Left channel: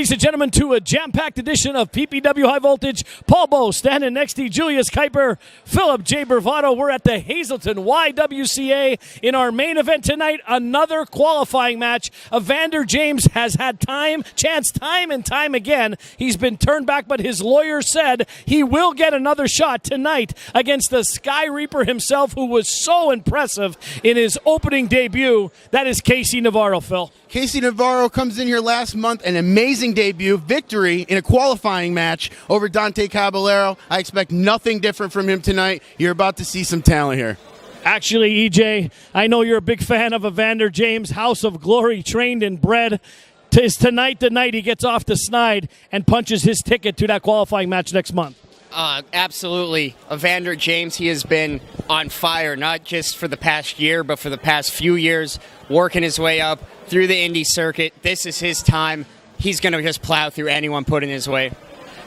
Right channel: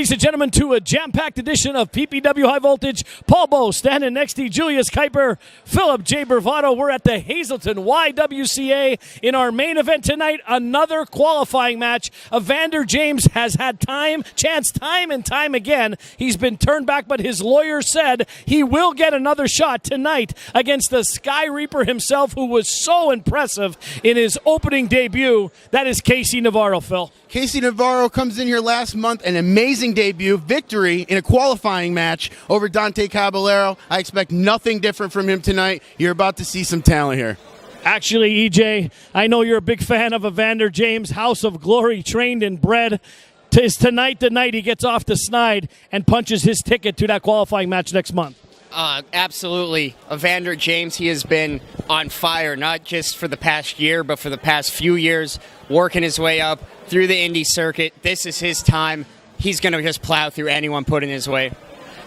ladies and gentlemen, to a jam-packed edition of PPW High Voltage. Paul Bowe standing next to Julius Kuiper, Philip J. Bravado. We're at the Hazleton YWCA in our main event tonight. Another qualifying match. Evander James has had chance time and time again. He's been turned back, but his lawyer said he will get another shot tonight against the Sky Reaper himself, who was so impressive in his opening debut. That is Casey Navarro, Phil. Casey Navarro comes in here last month, an amazing debut, victory in a qualifying match over Dante Caballero. I expect nothing different from him tonight. You're about to see some talent here. Actually, EJ, I know you're a big fan of Evander James, House of Glory, trained and bred. Is tonight the night he gets off the snide and punches his ticket to that qualifying match next month? Absolutely. Evander James, he has been on fire, not just for the past year, but for the past few years, working his way up through the indie circuit. This is his time. He's going to just plow through anyone put in his way.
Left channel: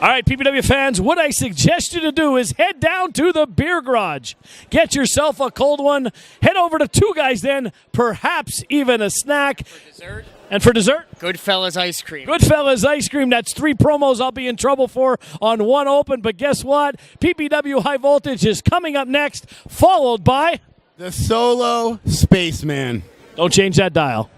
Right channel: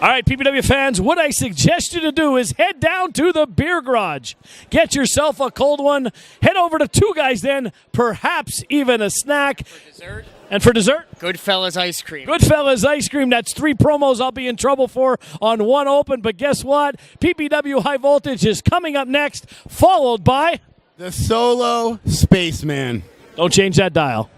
All right, PPW fans, what I suggest you to do is head down to the beer garage. Get yourself a cold one. Head over to Two Guys then, perhaps even a snack. For dessert? And for dessert? Goodfellas ice cream. Goodfellas ice cream. That's 3 promos I'll be in trouble for on one open. But guess what? PPW High Voltage is coming up next, followed by the Solo Spaceman. Don't change that dial.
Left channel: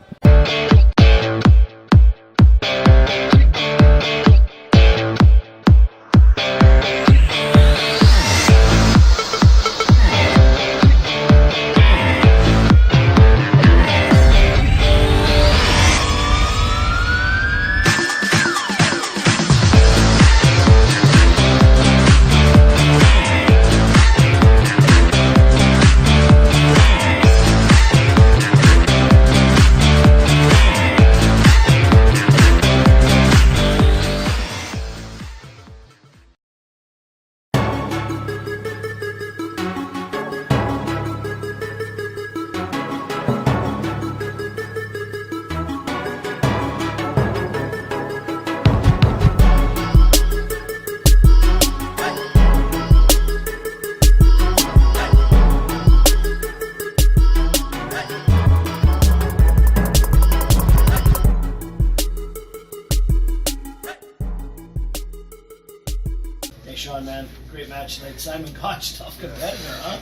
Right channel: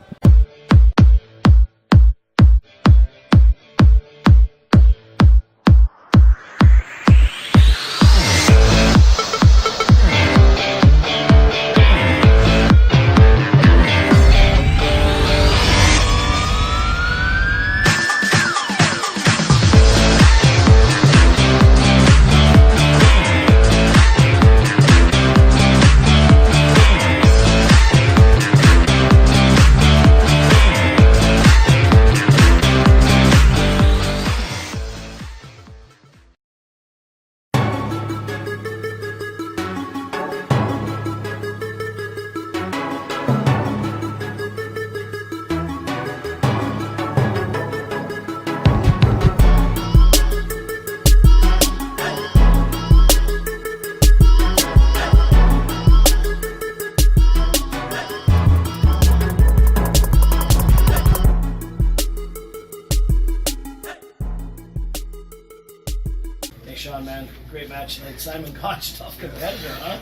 Deshawn, man, great match tonight. Simon Gotch, tough competitor, huh?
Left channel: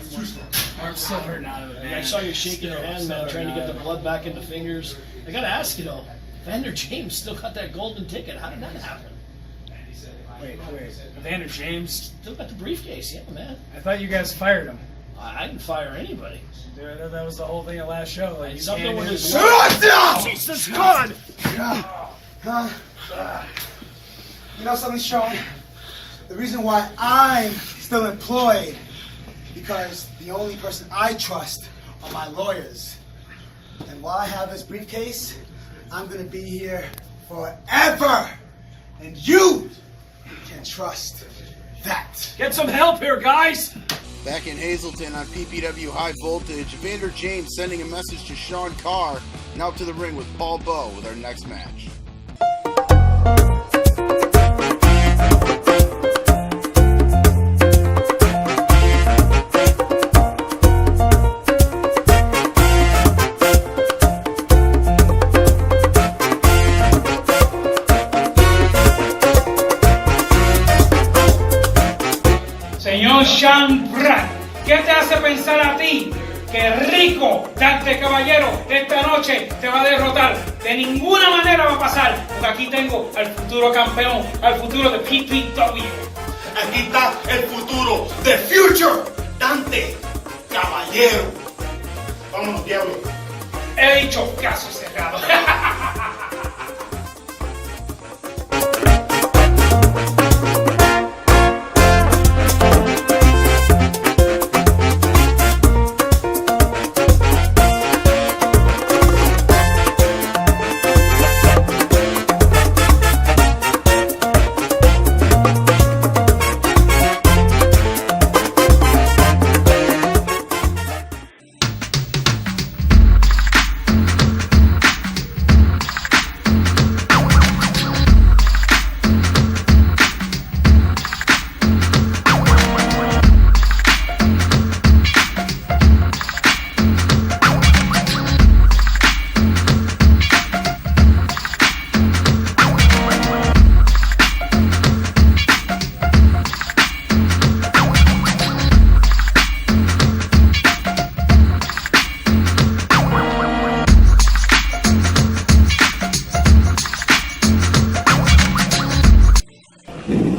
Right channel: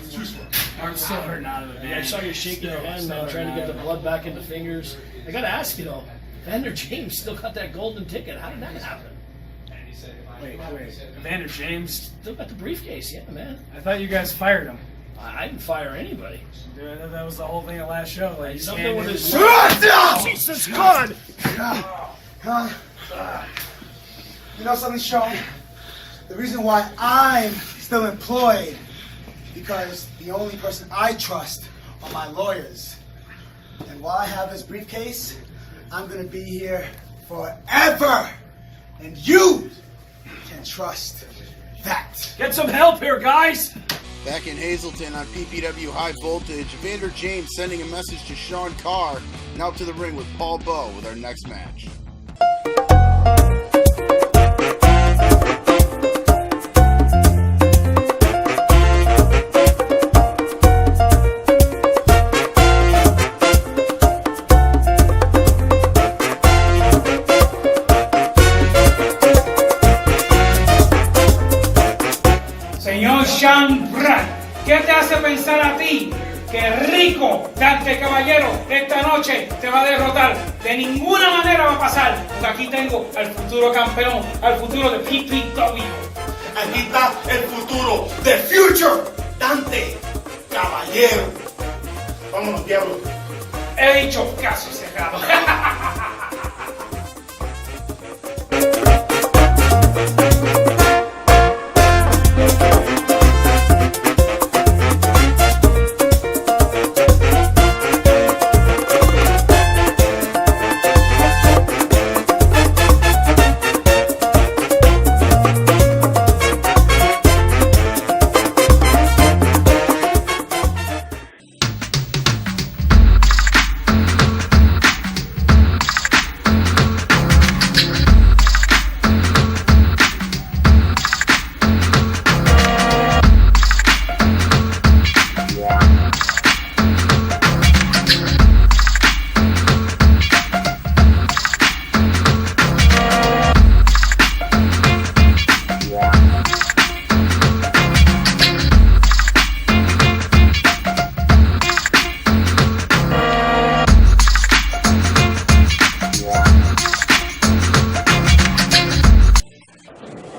Arm's still hurting out of it, man. I saw you shaking your hand, man, trying to get the blood back into fingers. I got to ask you, though, Evander James still got that golden ticket. How did that happen? Wait. Evander James? Still got the briefcase, yeah, man. I thought you guys fired him. I didn't fire anybody. Dude, that was the whole thing at last show. Like, Something with his... Jesus God! You know something, Sean? The reason why I'm still employed because the only person I trust are my lawyers. And while I have this briefcase, I'm going to be here forever. And you can trust that. Get some help here, guys! Back in Hazleton on PPW High Voltage, Evander James sending a message to Sean Carr. Now to the ring with Paul Bowe with our next match. Desean Pratt, ¿qué te hace pensar a ti que rico Dante Caballero esta noche te va a derrotar? De ninguna manera va a pasar, porque aquí tengo al futuro campeón, al futuro de PPW. Aquí está el futuro, the future, Dante Caballero. Vámonos, Diablo. He dicho caso cerrado.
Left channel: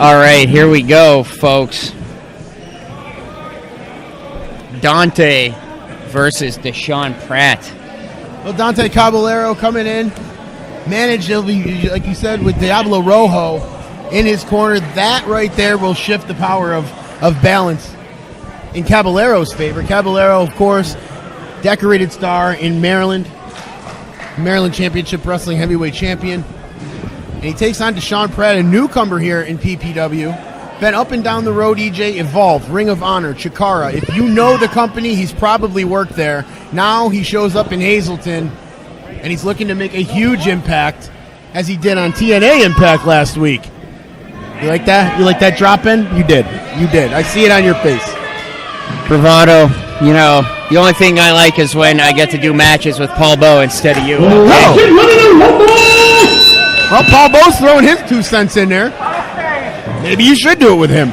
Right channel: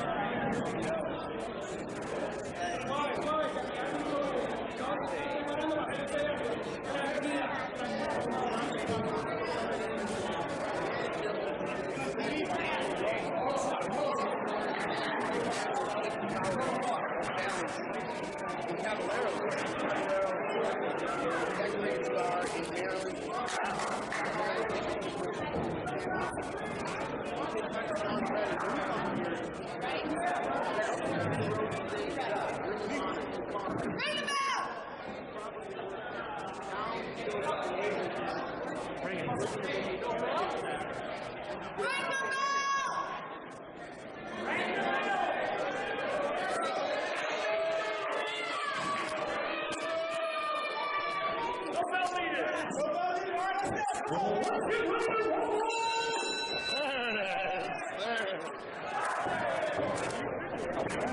All right, here we go, folks. Dante versus Desean Pratt. Well, Dante Caballero coming in, managed, like you said, with Diablo Rojo in his corner. That right there will shift the power of balance in Caballero's favor. Caballero, of course, decorated star in Maryland Championship Wrestling Heavyweight Champion. And he takes on Desean Pratt, a newcomer here in PPW. Been up and down the road, EJ, Evolve, Ring of Honor, Chikara. If you know the company, he's probably worked there. Now he shows up in Hazleton, and he's looking to make a huge impact, as he did on TNA Impact last week. You like that? You like that drop in? You did. You did. I see it on your face. Bravado. You know, the only thing I like is when I get to do matches with Paul Beau instead of you. Well, Paul Beau's throwing his 2 cents in there. Maybe you should do it with him.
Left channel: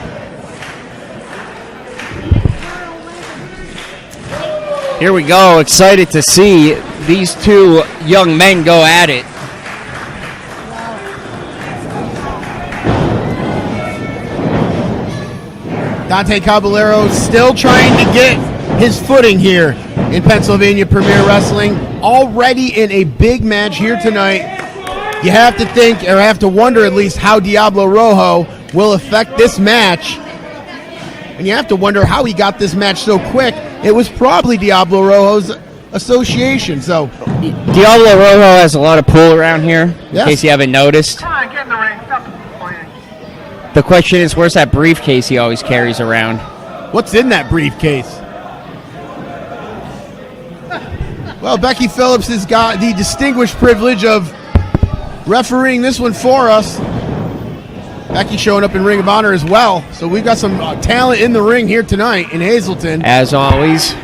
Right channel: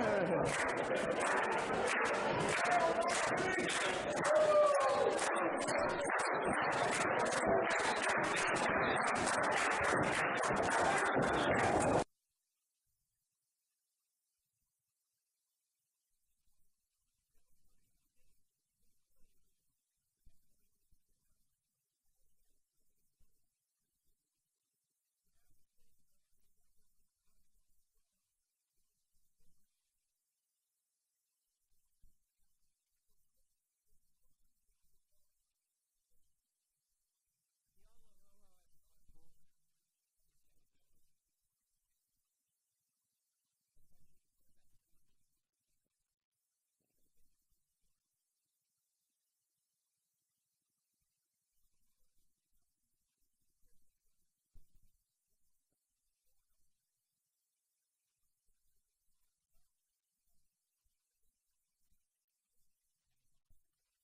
Here we go. Excited to see these two young men go at it. Dante Caballero still trying to get his footing here in Pennsylvania Premier Wrestling. Already in a big match here tonight. You have to think, or have to wonder at least, how Diablo Rojo will affect this match. And you have to wonder how he got this match so quick. It was probably Diablo Rojo's association. So Diablo Rojo has a lot of pull around here, yes. In case you haven't noticed. Come on, get in the ring. Stop complaining. The question is, where's that briefcase he always carries around? what's in that briefcase? Well, Becky Phillips has got the distinguished privilege of refereeing this one for us. Becky showing up in Ring of Honor as well. So we've got some talent in the ring here tonight in Hazleton. As always,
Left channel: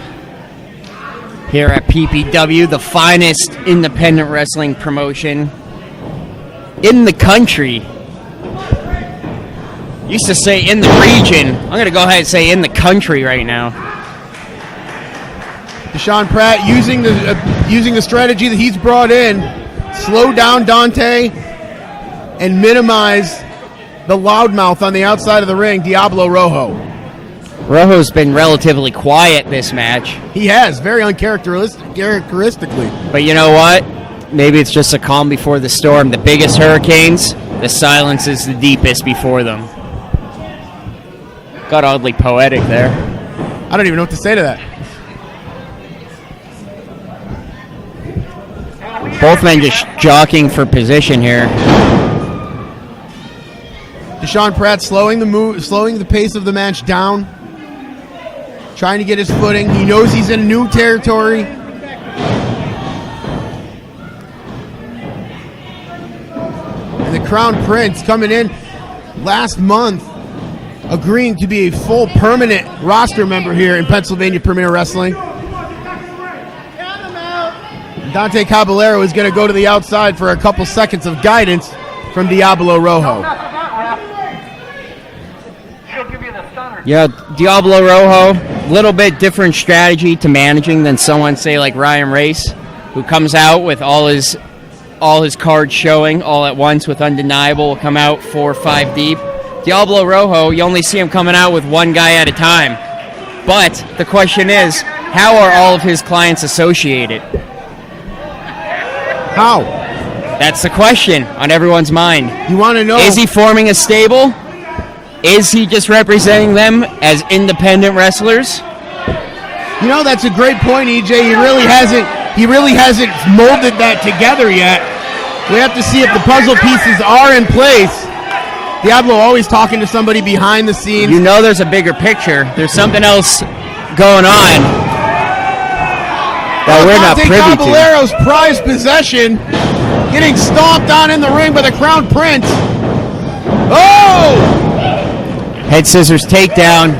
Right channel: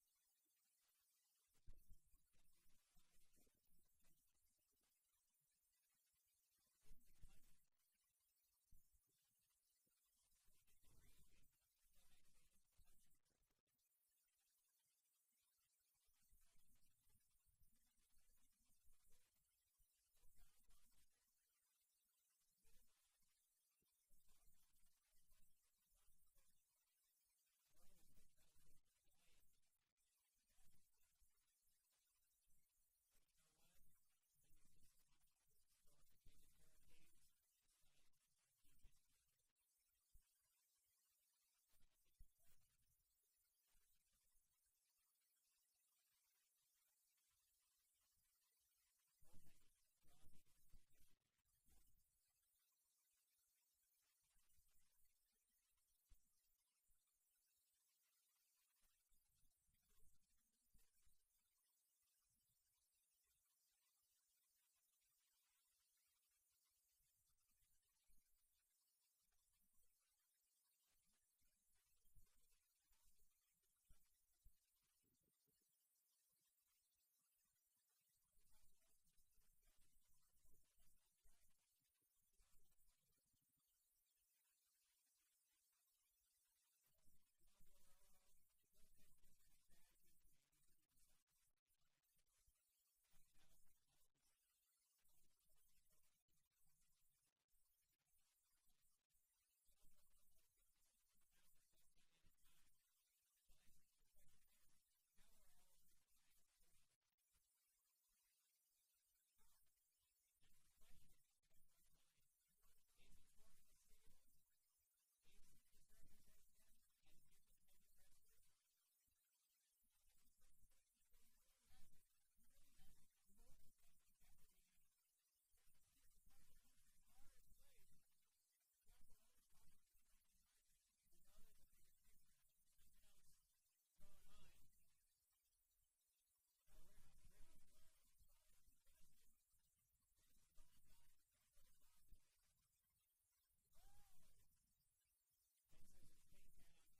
here at PPW, the finest independent wrestling promotion in the country. Used to say in the region. I'm going to go ahead and say in the country right now. Desean Pratt using the strategy that he's brought in, slow down Dante and minimize the loudmouth on the outside of the ring, Diablo Rojo. Rojo's been relatively quiet this match. He has, very uncharacteristically. But you know what? Maybe it's just a calm before the storm. The biggest hurricanes, the silence is the deepest before them. Got oddly poetic there. I don't even know what to say to that. Both men just jockeying for position here. Desean Pratt slowing the pace of the match down, trying to get his footing. He knows he's in new territory. And the Crown Prince coming in last month, agreeing to be a full permanent roster member here in Pennsylvania Premier Wrestling. Dante Caballero is going to go to the outside for a couple seconds of guidance from Diablo Rojo. Yeah, Diablo Rojo, a little bit different strategy to managing than someone, say, like Ryan Race, who comes out with all his cards showing all at once with Undeniable, will come out 4 or 5 deep. Diablo Rojo, you only see him coming out with one guy at a time. But the question is, how are all of his clients associated? How? That's the question on everyone's mind. You want to know? Is he forming a stable? Is he just representing them as independent wrestlers? You know, that's a great point, EJ. He really hasn't molded that together yet. We have to see if the puzzle pieces are in place. Diablo always talking to somebody behind the scenes. You know there's a bigger picture. There's something else going on that we're not privy to. Caballero's prized possession getting stomped on in the ring by the Crown Prince. Oh! Head scissors takedown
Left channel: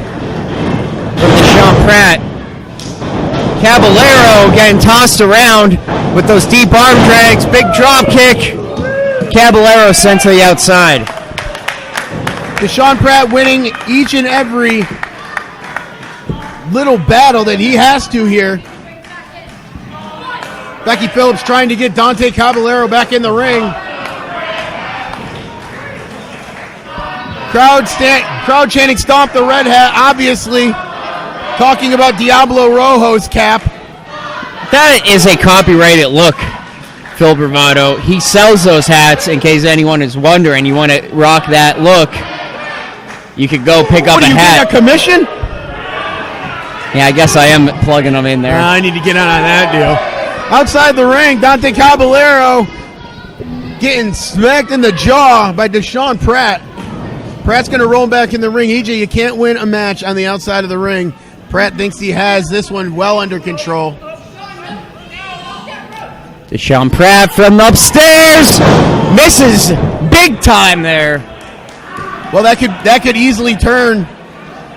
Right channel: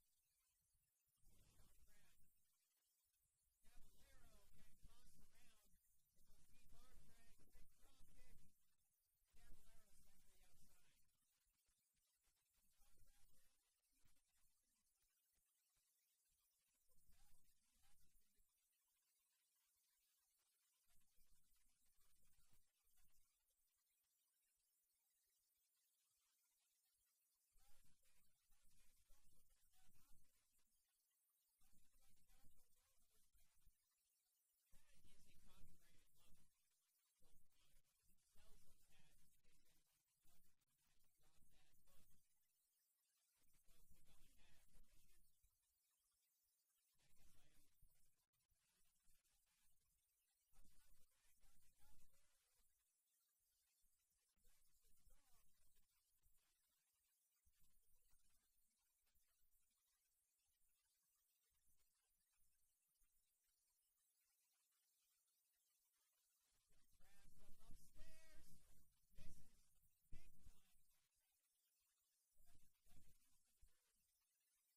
from Desean Pratt. Caballero getting tossed around with those deep arm drags. Big drop kick. Caballero sent to the outside. Desean Pratt winning each and every little battle that he has to here. Becky Phillips trying to get Dante Caballero back in the ring. Crowd chanting "Stomp the Red Hat," obviously talking about Diablo Rojo's cap. That is a copyrighted look, Phil Bravado. He sells those hats in case anyone is wondering. You want to rock that look, you could go pick up a hat. What, are you getting a commission? Yeah, I guess I am plugging them in there. I need to get on that deal. Outside the ring, Dante Caballero getting smacked in the jaw by Desean Pratt. Pratt's going to roll back in the ring. EJ, you can't win a match on the outside of the ring. Pratt thinks he has this one well under control. Desean Pratt from upstairs misses big time there. Well, that could easily turn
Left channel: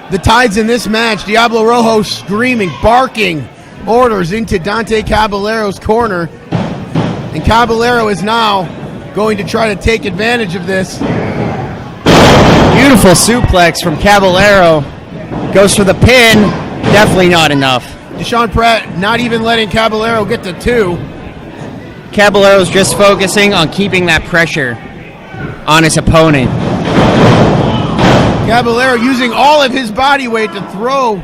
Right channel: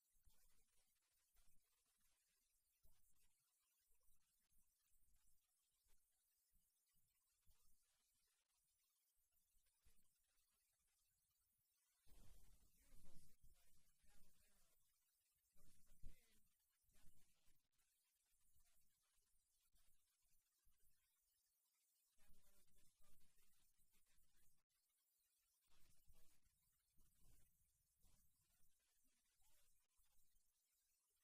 the tides in this match. Diablo Rojo screaming, barking orders into Dante Caballero's corner. And Caballero is now going to try to take advantage of this. Beautiful suplex from Caballero. Goes for the pin. Definitely not enough. Desean Pratt not even letting Caballero get to 2. Caballero's just focusing on keeping that pressure on his opponent. Caballero using all of his body weight to throw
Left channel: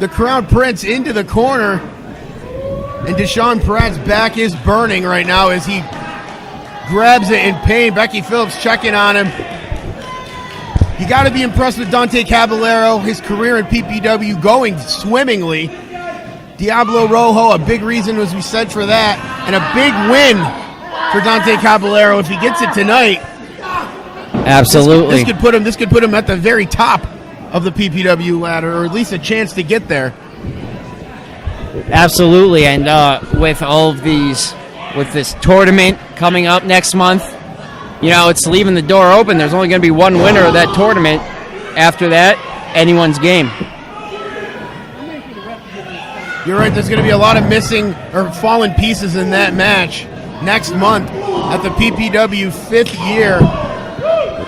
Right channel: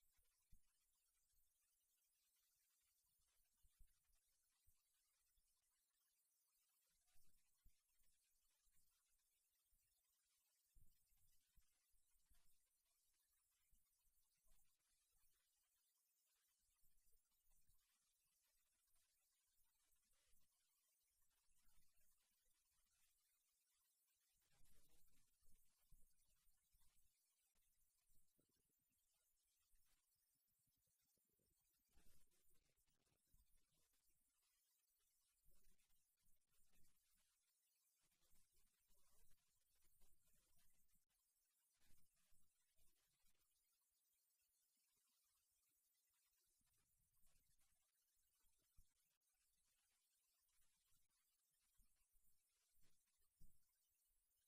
the Crown Prince into the corner. And Desean Pratt's back is burning right now as he grabs it in pain. Becky Phillips checking on him. You got to be impressed with Dante Caballero, his career in PPW going swimmingly. Diablo Rojo, a big reason, as we said, for that, and a big win for Dante Caballero. If he gets it tonight, absolutely, this could put him at the very top of the PPW ladder, or at least a chance to get there. Absolutely, and with all of these, with this tournament coming up next month, you know, it's leaving the door open. There's only going to be one winner of that tournament. After that, anyone's game. You're right, there's going to be a lot of missing or fallen pieces in that match next month at the PPW 5th year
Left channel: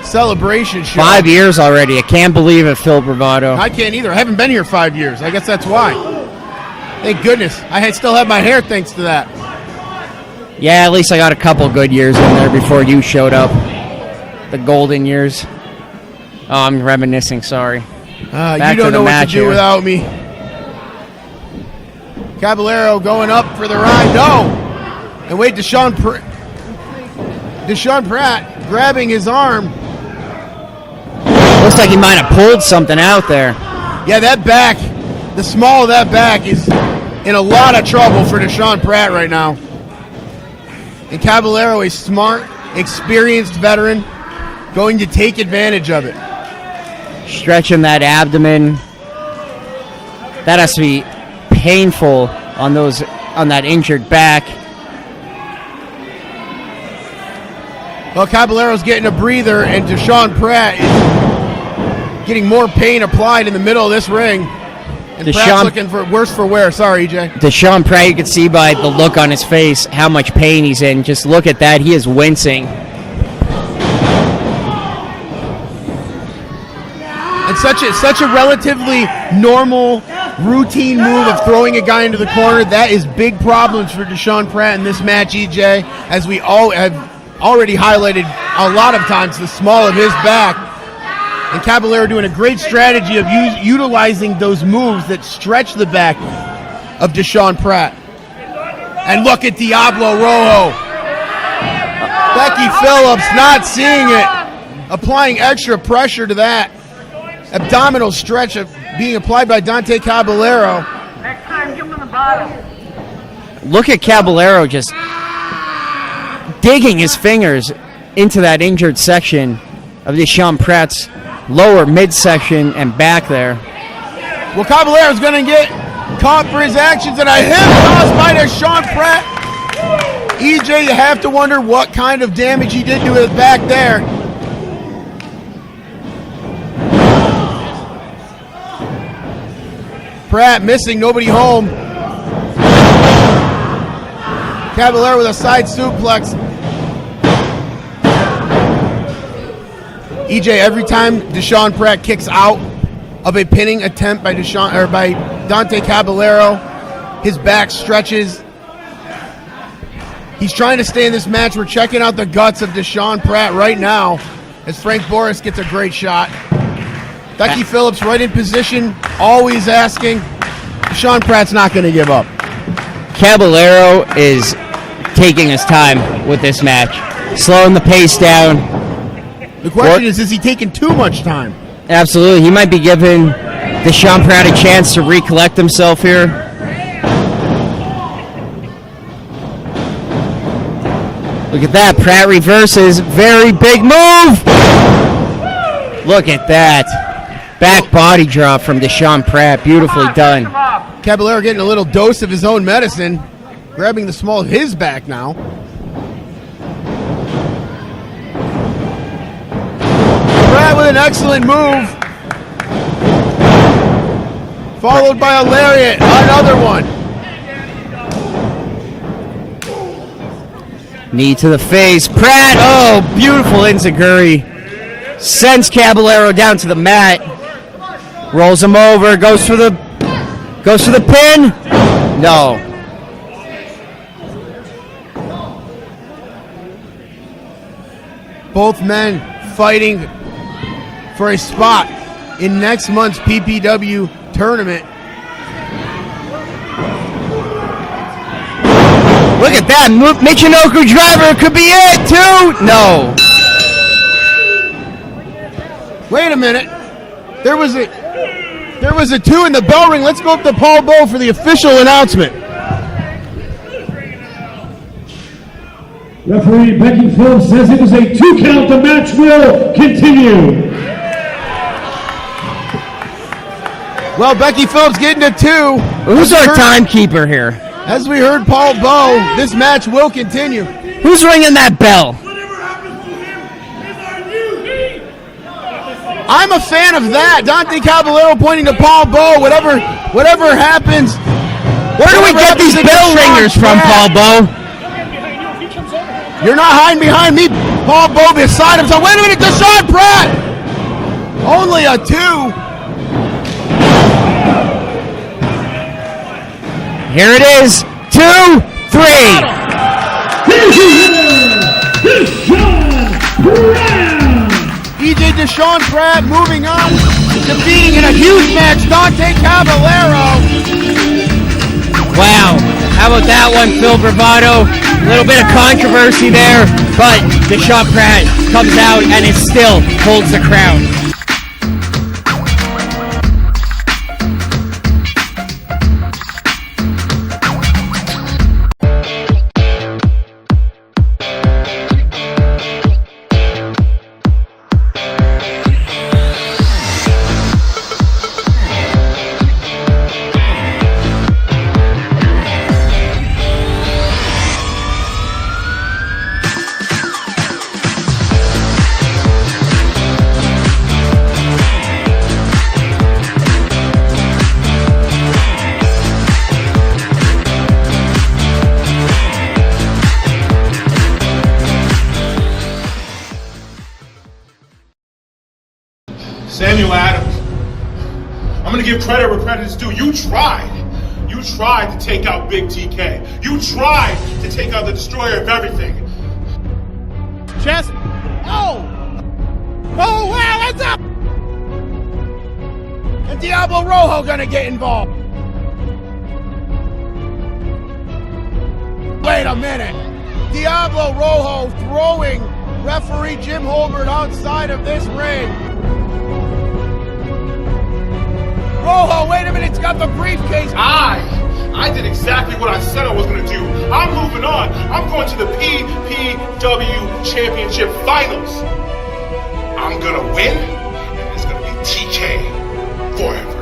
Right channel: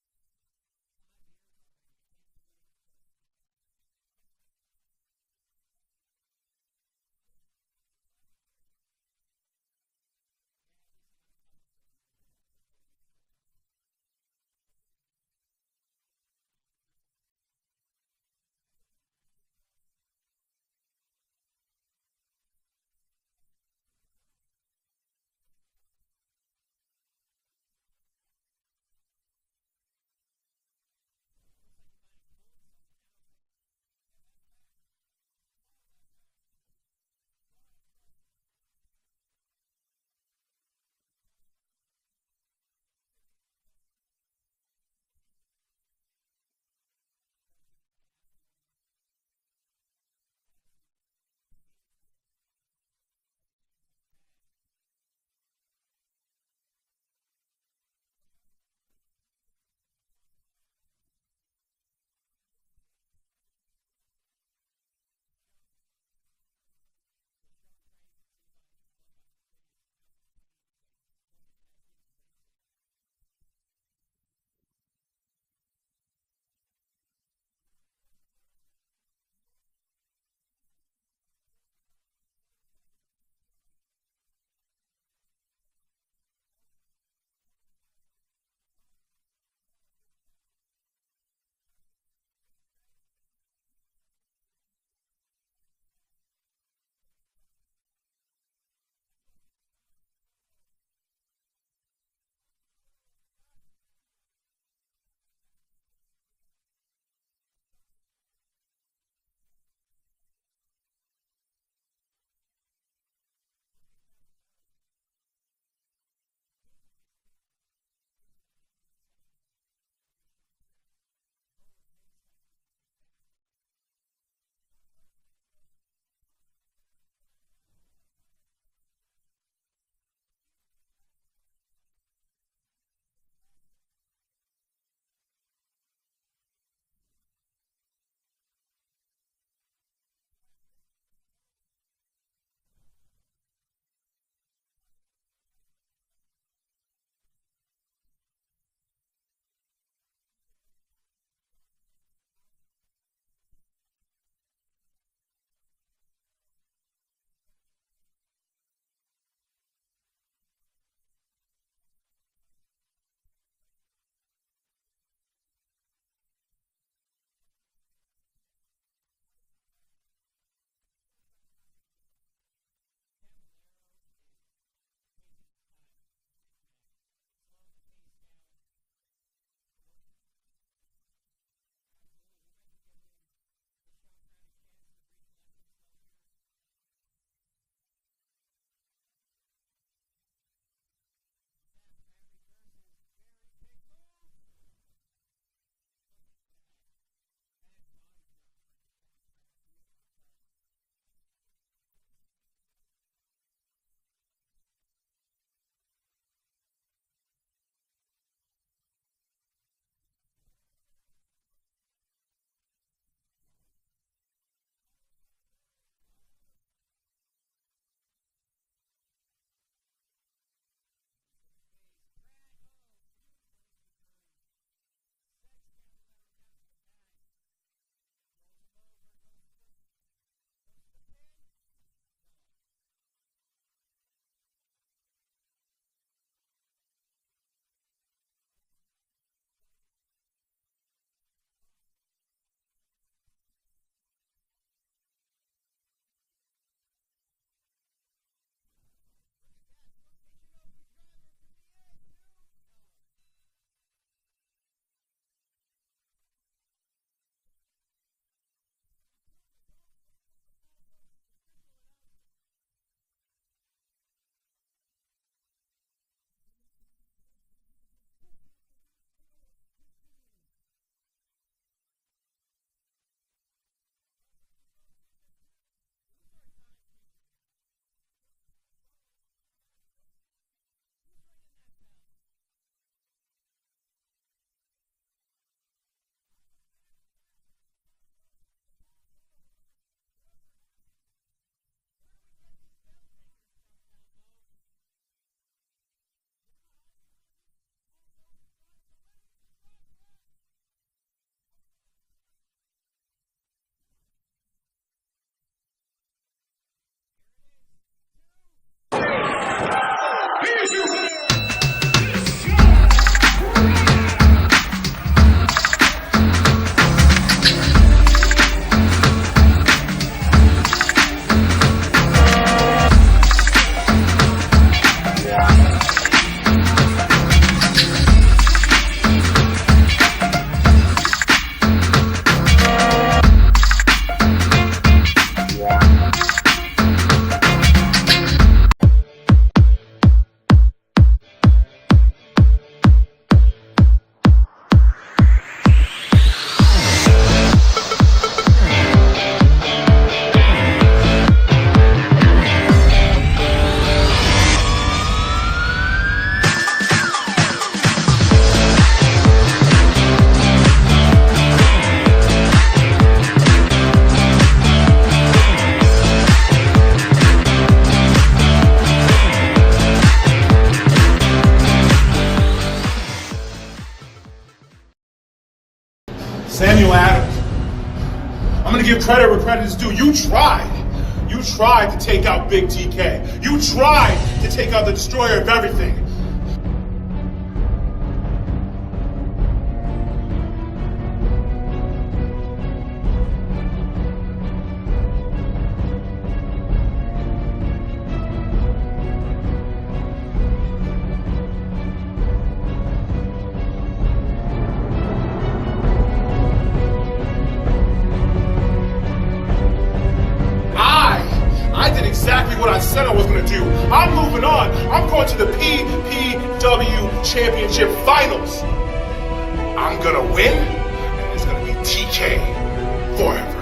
celebration show. 5 years already. I can't believe it, Phil Bravado. I can't either. I haven't been here 5 years. I guess that's why. Thank goodness. I still have my hair thanks to that. Yeah, at least I got a couple good years in there before you showed up. The golden years. Oh, I'm reminiscing, sorry. You don't know what to do without me. Caballero going up for the ride. No! And wait, Desean Pratt grabbing his arm. Looks like he might have pulled something out there. Yeah, that back, the small of that back is in a lot of trouble for Desean Pratt right now. And Caballero, a smart, experienced veteran, going to take advantage of it. Stretching that abdomen. That has to be painful on that injured back. Well, Caballero's getting a breather, and Desean Pratt is getting more pain applied in the middle of this ring. And Pratt's looking for worse for wear. Sorry, EJ. Desean Pratt, you can see by the look on his face how much pain he's in. Just look at that. He is wincing. And such a relatively normal, routine move of throwing a guy into the corner. That is big problems for Desean Pratt in this match, EJ, as we all have already highlighted a lot of times, the small of his back. And Caballero doing a great strategy of utilizing those moves that stretch the back of Desean Pratt. And look at Diablo Rojo. Becky Phillips not seeing it, applying extra pressure to that. Abdominal stretch of being applied by Dante Caballero. Next time, give him the bottom. Look at Caballero just digging his fingers into that injured section of Desean Pratt's lower midsection and back there. Well, Caballero's going to get caught for his actions, and a hip toss by Desean Pratt. EJ, you have to wonder what kind of damage he did to his back there. Pratt missing, nobody home. Caballero with a side suplex. EJ, every time Desean Pratt kicks out of a pinning attempt by Dante Caballero, his back stretches. He's trying to stay in this match. We're checking out the guts of Desean Pratt right now. as Frank Boris gets a great shot. Becky Phillips right in position, always asking. Desean Pratt's not going to give up. Caballero is taking his time with this match, slowing the pace down. The question is he taking too much time? Absolutely. He might be giving Desean Pratt a chance to recollect himself here. Look at that. Pratt reverses. Very big move. Look at that. Back body drop from Desean Pratt. Beautifully done. Caballero getting a little dose of his own medicine, grabbing the small of his back now. Pratt with an excellent move. Followed by a lariat. Another one. Knee to the face. Pratt. Oh, beautiful enziguri. Sends Caballero down to the mat. Rolls him over. Goes for the pin. No. Both men fighting for a spot in next month's PPW tournament. Look at that. Michinoku driver could be it, too. No. Wait a minute. There was a 2 in the bell ring. Let's go up to Paul Bowe for the official announcement. Referee Becky Phillips says it was a 2 count. The match will continue. Well, Becky Phillips getting a 2. Who's our timekeeper here? As we heard Paul Bowe, this match will continue. Who's ringing that bell? I'm a fan of that. Dante Caballero pointing to Paul Bowe. Whatever happens. Where do we get these bell ringers from, Paul Bowe? You're not hiding behind me. Paul Bowe beside himself. Wait a minute, Desean Pratt. Only a 2. Here it is. 2, 3. DJ Desean Pratt moving on, defeating in a huge match Dante Caballero. Wow. How about that one, Phil Bravado? A little bit of controversy there, but Desean Pratt comes out and it still holds the crown. Samuel Adams, I'm going to give credit where credit is due. You tried. You tried to take out Big TK. You tried to take out the destroyer of everything. Chest. Oh! Oh, wow, that's up! And Diablo Rojo gonna get involved. Wait a minute. Diablo Rojo throwing referee Jim Holbert outside of this ring. Rojo, wait a minute, it's got the briefcase. I did exactly what I said I was going to do. I'm moving on. I'm going to the PPW Championship Finals. I'm going to win, and it's going to be TK forever.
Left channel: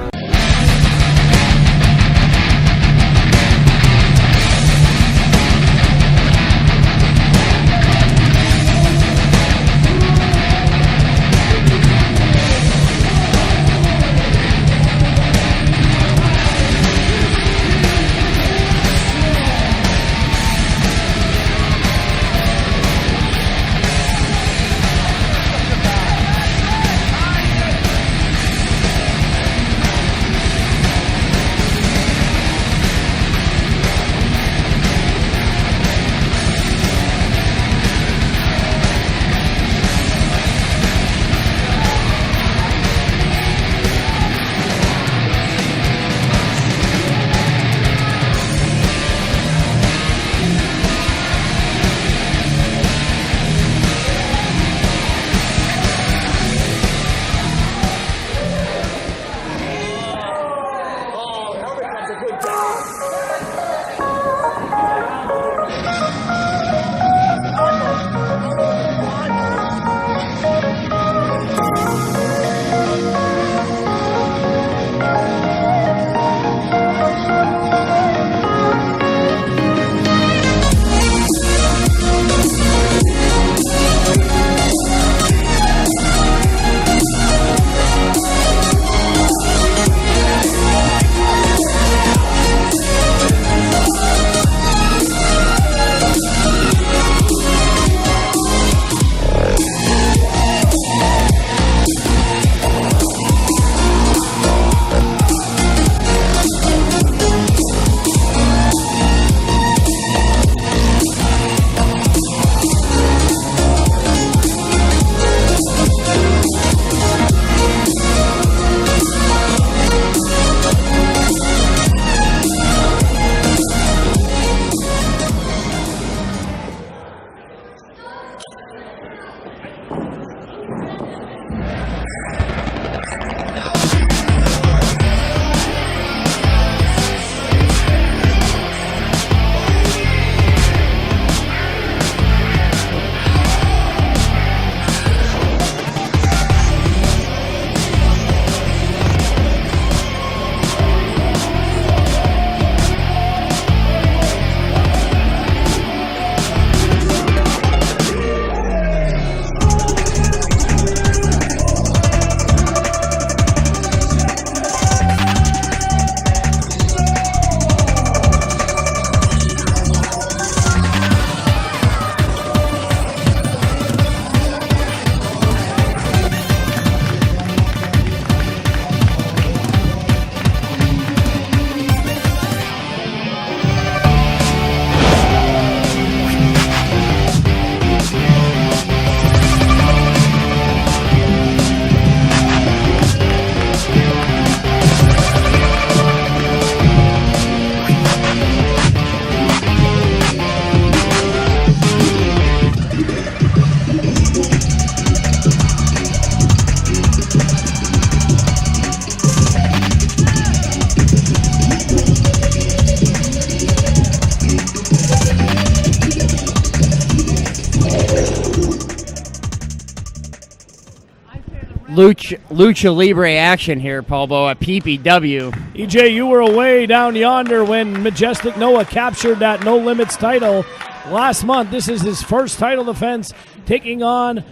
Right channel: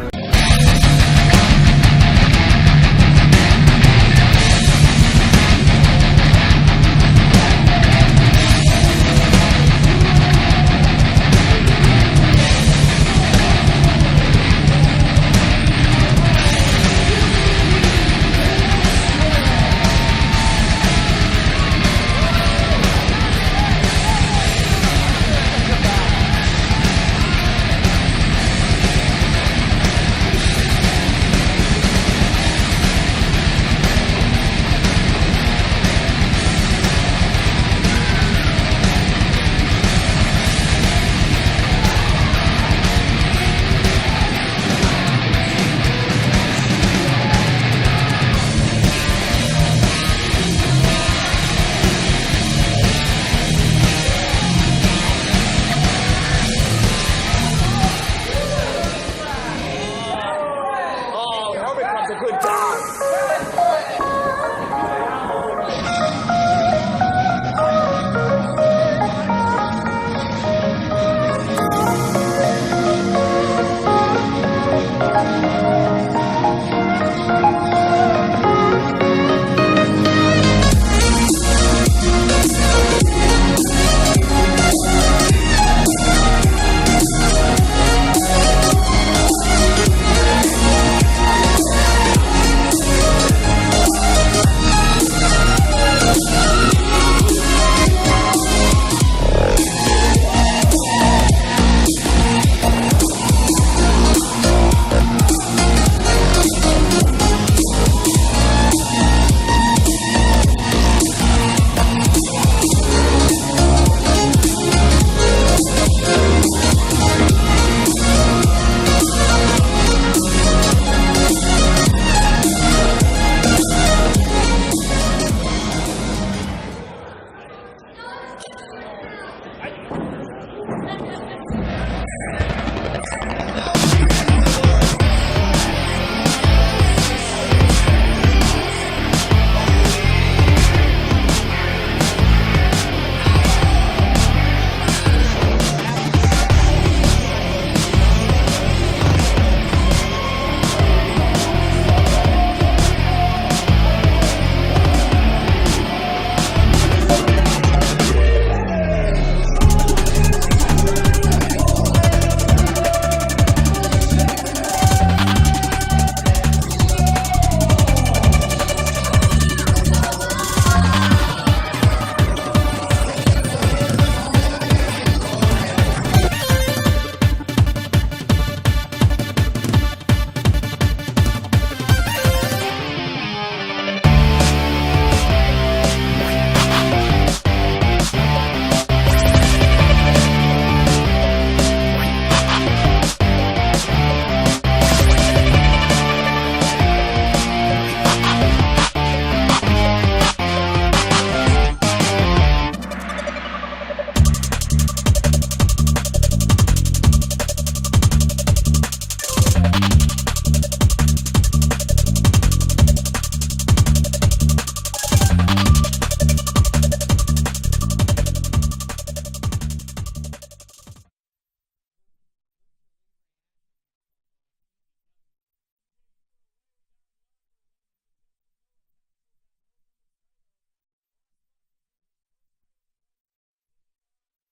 Lucha Libre action here, Paul Bo, at PPW. EJ, you were away down yonder when Majestic Noah captured that No Limits title last month. This is his first title defense, taking on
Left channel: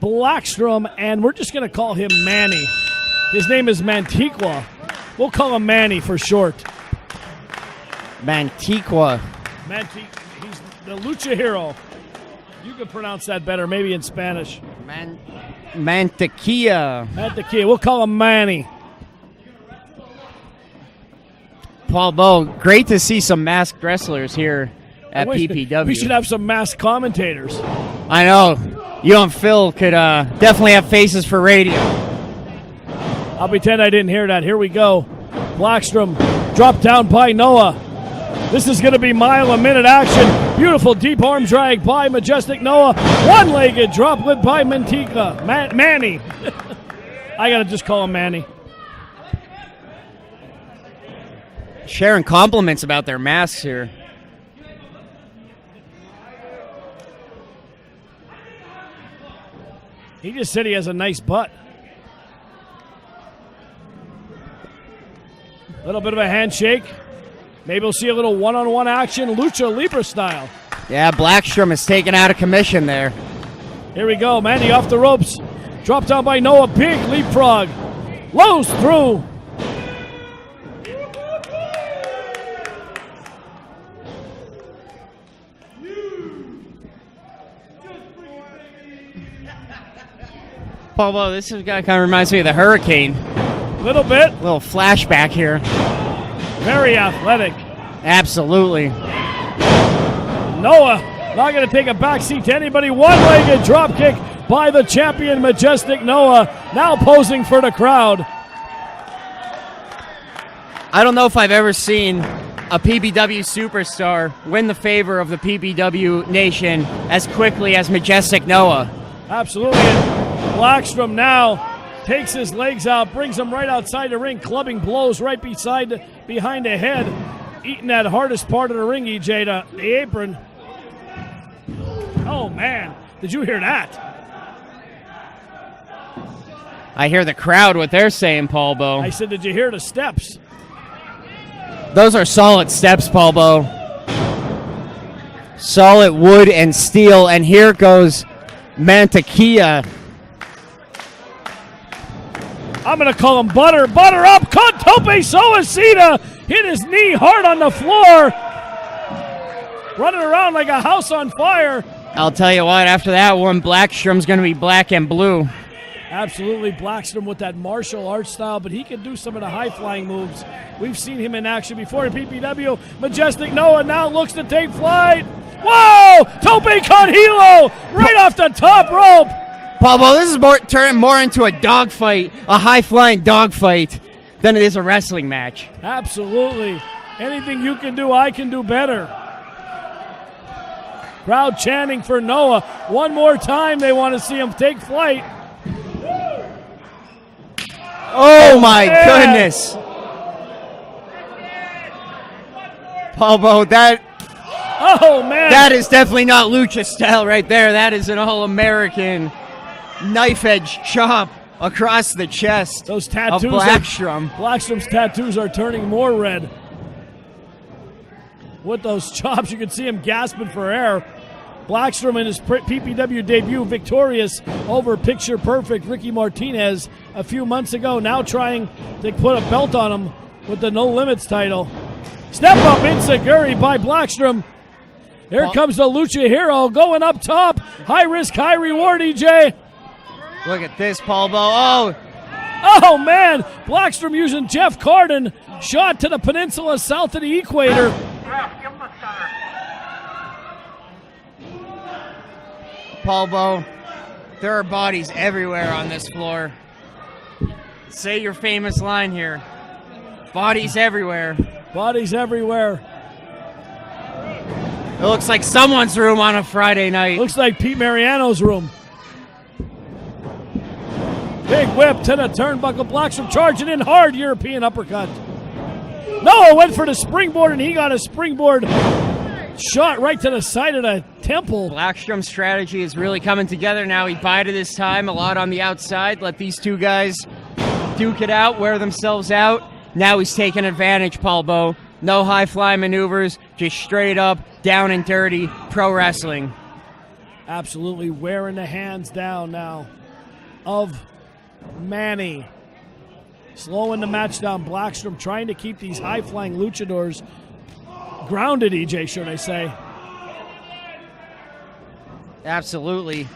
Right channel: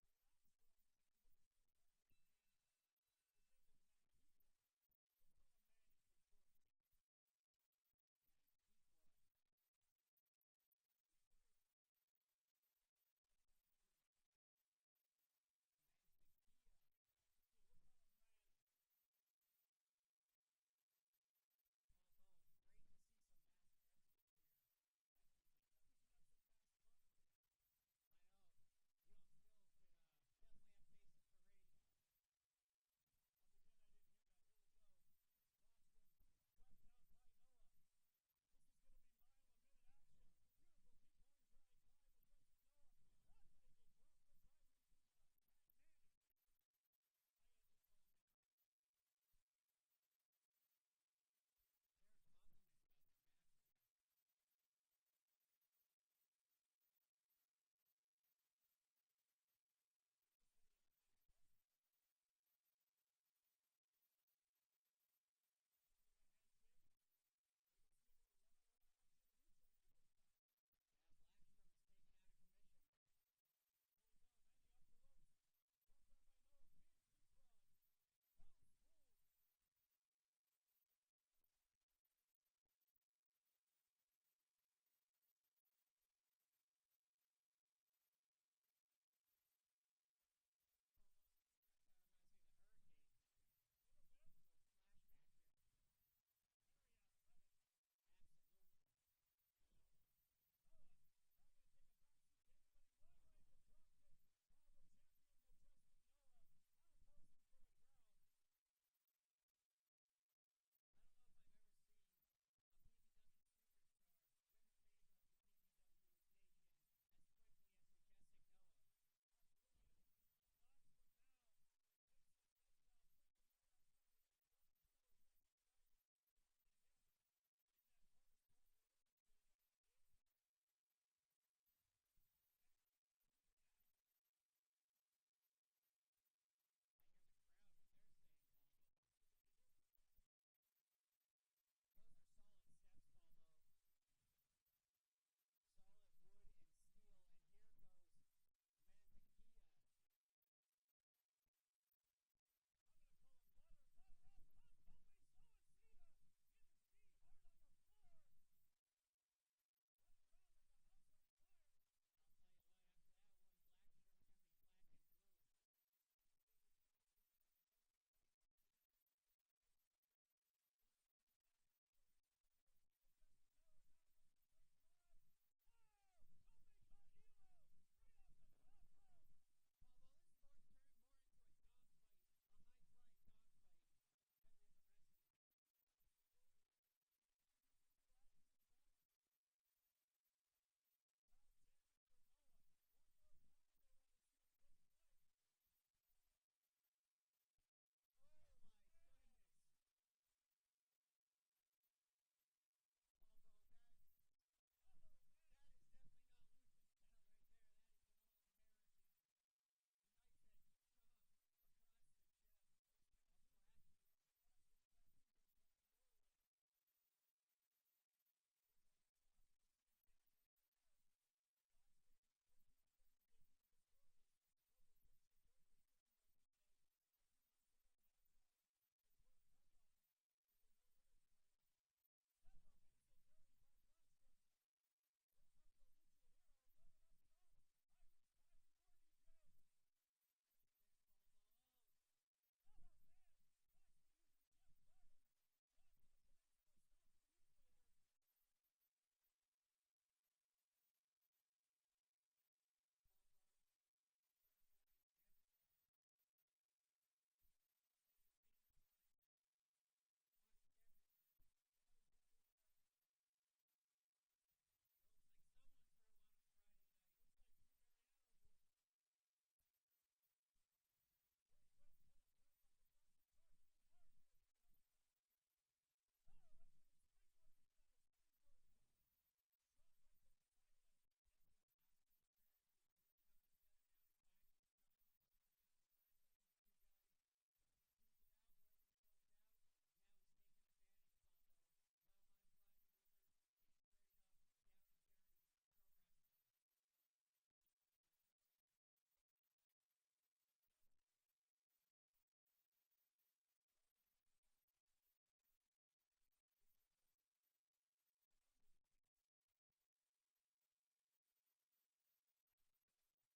Blaxstrom, and we're just going to call him Manny. His name is Mantequilla. We'll call him Manny for short. Mantequilla. He's the Lucha hero. You can pronounce that better, maybe in Spanish. Mantequilla. Mantequilla. We'll call him Manny. Paul Bo, great to see some masked wrestlers here at PPW. We should have some masked commentators. I know. You and Phil could definitely have faces for radio. I'll pretend I didn't hear that. Here we go. Blackstrom dropped down by Noah. This is going to be mile-a-minute action. Beautiful deep arm drag by Majestic Noah. One-legged drop whip by Mantequilla. Manny. I got to just call him Manny. Sharing compliments about their masks here. He just said he has a nice butt. A little bit of a handshake. Maybe we'll see a little one-on-one action, Lucha Libre style. Yeah, Blackstrom is taken out of commission there. Here we go, Manny off the ropes. Dropped down by Noah, big leapfrog. Lows through. Paul, this guy kind of reminds me of the Hurricane. A little bit. A little flashback here. Very athletic. Absolutely. Noah not going to take a backseat to anybody. One-legged drop kick by the champion, Majestic Noah, now posing for the crowd. I don't know if I've ever seen a PPW superstar win the favor of the PPW nation as quickly as Majestic Noah. Absolutely. And Blackstrom now takes his legs out, brings him right outside the ring, clubbing blows right behind the head, eating that hardest part of the ring, EJ, the apron. Oh, man. Did you hear that? I hear the crowd, what they're saying, Paul Bo. I said, did you hear the steps? Those are solid steps, Paul Bo. Solid wood and steel, and here goes Mantequilla. I'm going to call him Butter. Butter up. Contope Suicida hit his knee hard on the floor. Running around like a house on fire. I'll tell you what, after that one, Blackstrom's going to be black and blue. Absolutely, Blackstrom with that martial arts style, but he can do some of the high-flying moves. We've seen him in action before in PPW. Majestic Noah now looks to take flight. Whoa! Tope con hilo right off the top rope. Pablo, this is turning more into a dogfight, a high-flying dogfight, than it is a wrestling match. Absolutely. Anything you can do, I can do better. Crowd chanting for Noah. One more time, they want to see him take flight. Oh, my goodness. Pablo, oh, man. That is definitely not lucha style right there. That is an all-American knife-edge chop across the chest. Those tattoos of Blackstrom. Blackstrom's tattoos are turning more red. With those chops, you can see him gasping for air. Blackstrom in his PPW debut victorious over Picture Perfect Ricky Martinez a few months ago, now trying to put a belt on him with the No Limits title. Step up Inseguri by Blackstrom. Here comes the Lucha Hero going up top. High risk, high reward, EJ. Look at this, Paul Bo. Oh, man. Blackstrom using Jeff Carden. Shot to the peninsula south of the equator. Paul Bo, there are bodies everywhere on this floor. Say your famous line here. Bodies everywhere. Bodies everywhere. It looks like someone's room on a Friday night. Looks like Pete Mariano's room. Big whip to the turnbuckle. Blackstrom charging in hard. European uppercut. Noah went for the springboard, and he got a springboard shot right to the side of the temple. Blackstrom's strategy is really coming together now. He bided his time a lot on the outside, let these two guys duke it out, wear themselves out. Now he's taking advantage, Paul Bo. No high-fly maneuvers, just straight up, down and dirty, pro wrestling. Absolutely wearing the hands down now of Manny. Slowing the match down. Blackstrom trying to keep these high-flying luchadors grounded, EJ, should I say. Absolutely.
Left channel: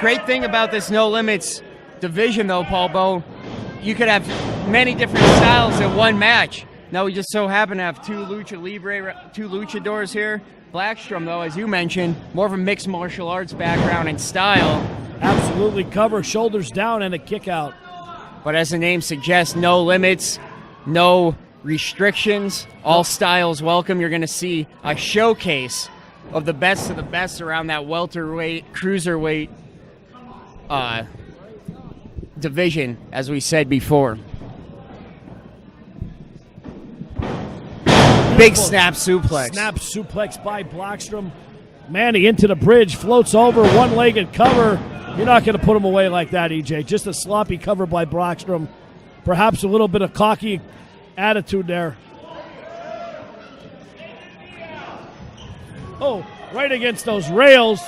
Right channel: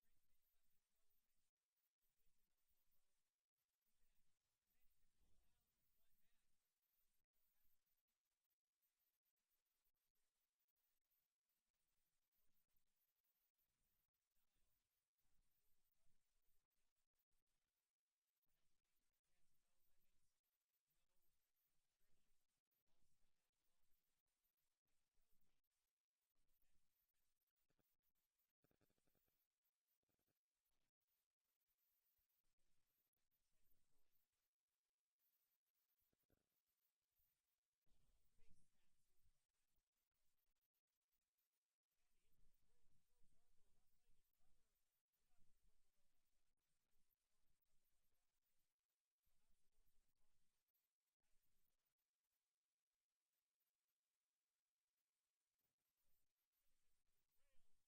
Great thing about this No Limits division, though, Paul Bo, you could have many different styles in one match. Now we just so happen to have two Lucha Libre, two luchadors here. Blackstrom, though, as you mentioned, more of a mixed martial arts background and style. Absolutely cover, shoulders down, and a kick out. But as the name suggests, no limits, no restrictions, all styles welcome. You're going to see a showcase of the best around that welterweight, cruiserweight division, as we said before. Big snap suplex. Snap suplex by Blackstrom. Manny into the bridge, floats over, one-legged cover. You're not going to put him away like that, EJ. Just a sloppy cover by Blackstrom. Perhaps a little bit of cocky attitude there. Oh, right against those rails.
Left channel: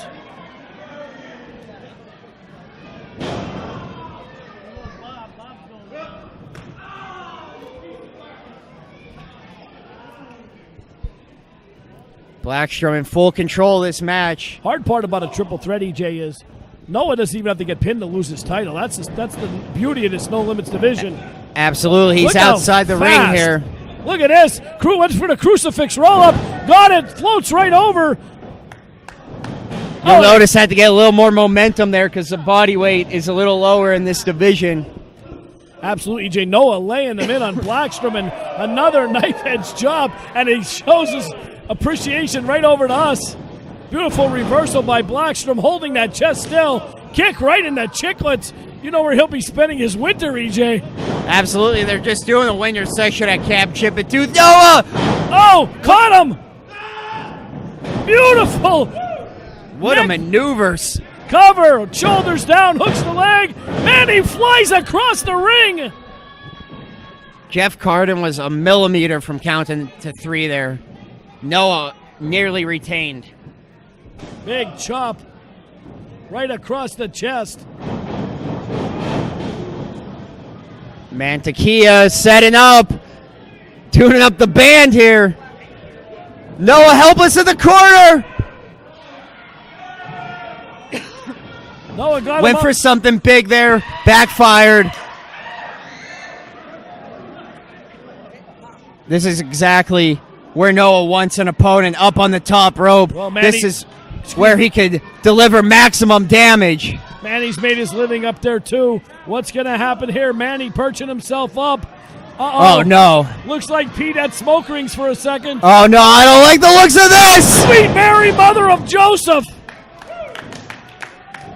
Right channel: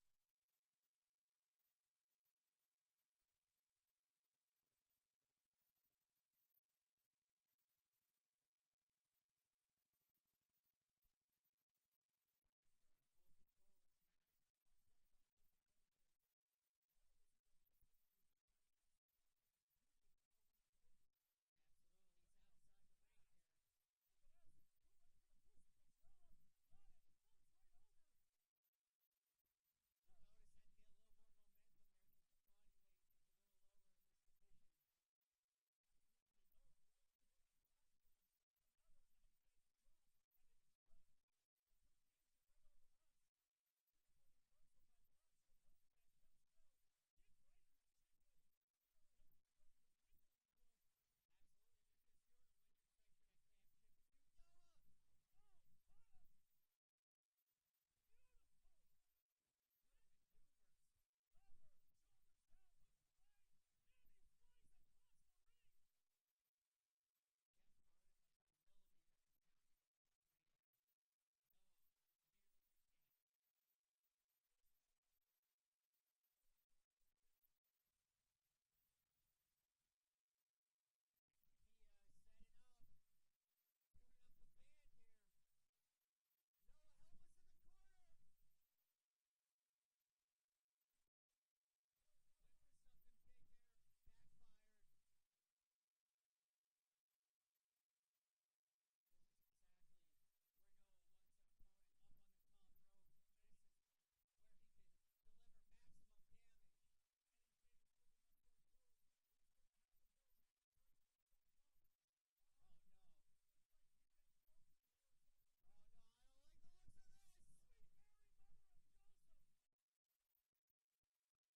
Blackstrom in full control of this match. Hard part about a triple threat, EJ, is Noah doesn't even have to get pinned to lose his title. That's the beauty of this No Limits division. Absolutely. He's outside the ring here. Look at this. Crew went for the crucifix roll-up. Got it. Floats right over. You'll notice had to get a little more momentum there because the body weight is a little lower in this division. Absolutely, EJ. Noah laying them in on Blackstrom, and another knife-edge job, and he shows his appreciation right over to us. Beautiful reversal by Blackstrom, holding that chest still. Kick right in the chicklets. You know where he'll be spending his winter, EJ. Absolutely. They're just doing the winter section at Camp Chip It Tooth. Noah! Oh, caught him! Beautiful! What a maneuvers. Cover, shoulders down, hooks the leg, and he flies across the ring. Jeff Carden was a millimeter from counting to three there. Noah nearly retained. Big chop right across the chest. Mantequilla setting up, tuning up the band here. Noah helpless in the corner. Noah got Went for something big there, backfired. This is exactly where Noah wants an opponent, up on the top rope. Well, Manny, this is where he could deliver maximum damage. Manny's made his living up there too. What's going to happen here? Manny perching himself up. Uh-oh. Oh, no. Looks like Pete had smoke rings for a second. Oh, no, I don't like the looks of this. Sweet Mary, mother of Joseph.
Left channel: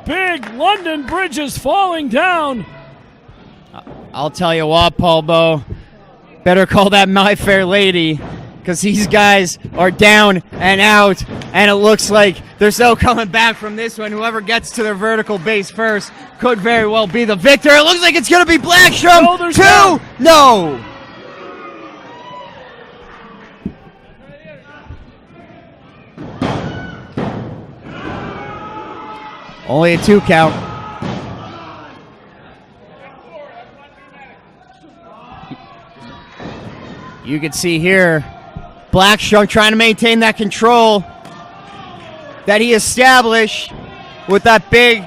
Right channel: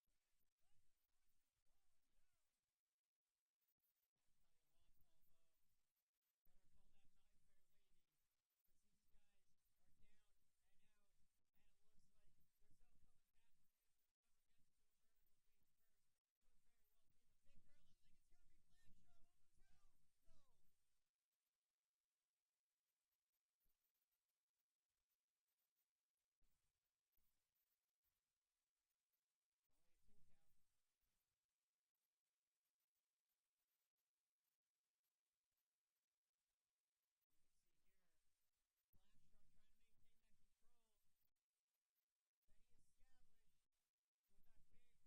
Big London Bridge is falling down. I'll tell you what, Paul Bo, better call that My Fair Lady, because these guys are down and out, and it looks like there's no coming back from this one. Whoever gets to their vertical base first could very well be the victor. It looks like it's going to be Blackstrom. Shoulders down. No. Only a 2 count. You can see here, Blackstrom trying to maintain that control that he established with that big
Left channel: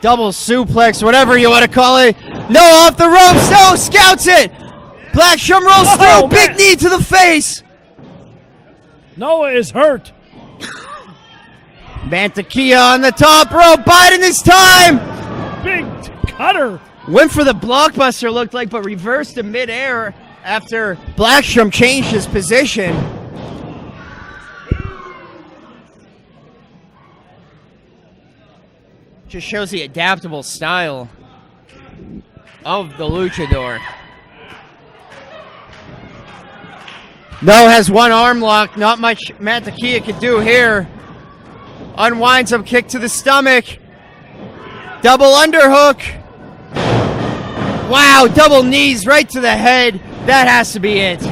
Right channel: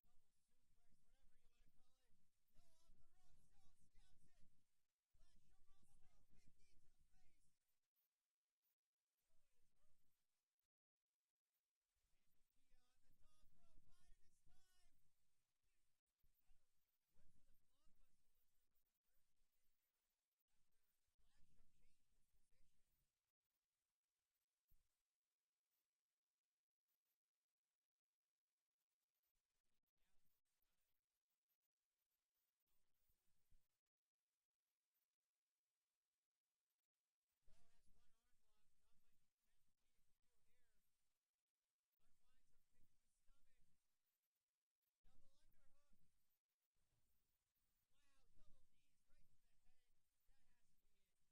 double suplex, whatever you want to call it. No, off the ropes. No, scouts it. Blackstrom rolls through. Big knee to the face. Noah is hurt. Mantequilla on the top rope, biding his time. Big cutter. Went for the blockbuster, looked like, but reversed in midair after Blackstrom changed his position. Just shows the adaptable style of the luchador. Noah has one arm lock. Not much Mantequilla can do here. Unwinds him, kick to the stomach. Double underhook. Wow, double knees right to the head. That has to be it. 2,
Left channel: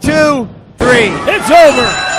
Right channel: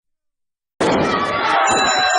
3. It's over.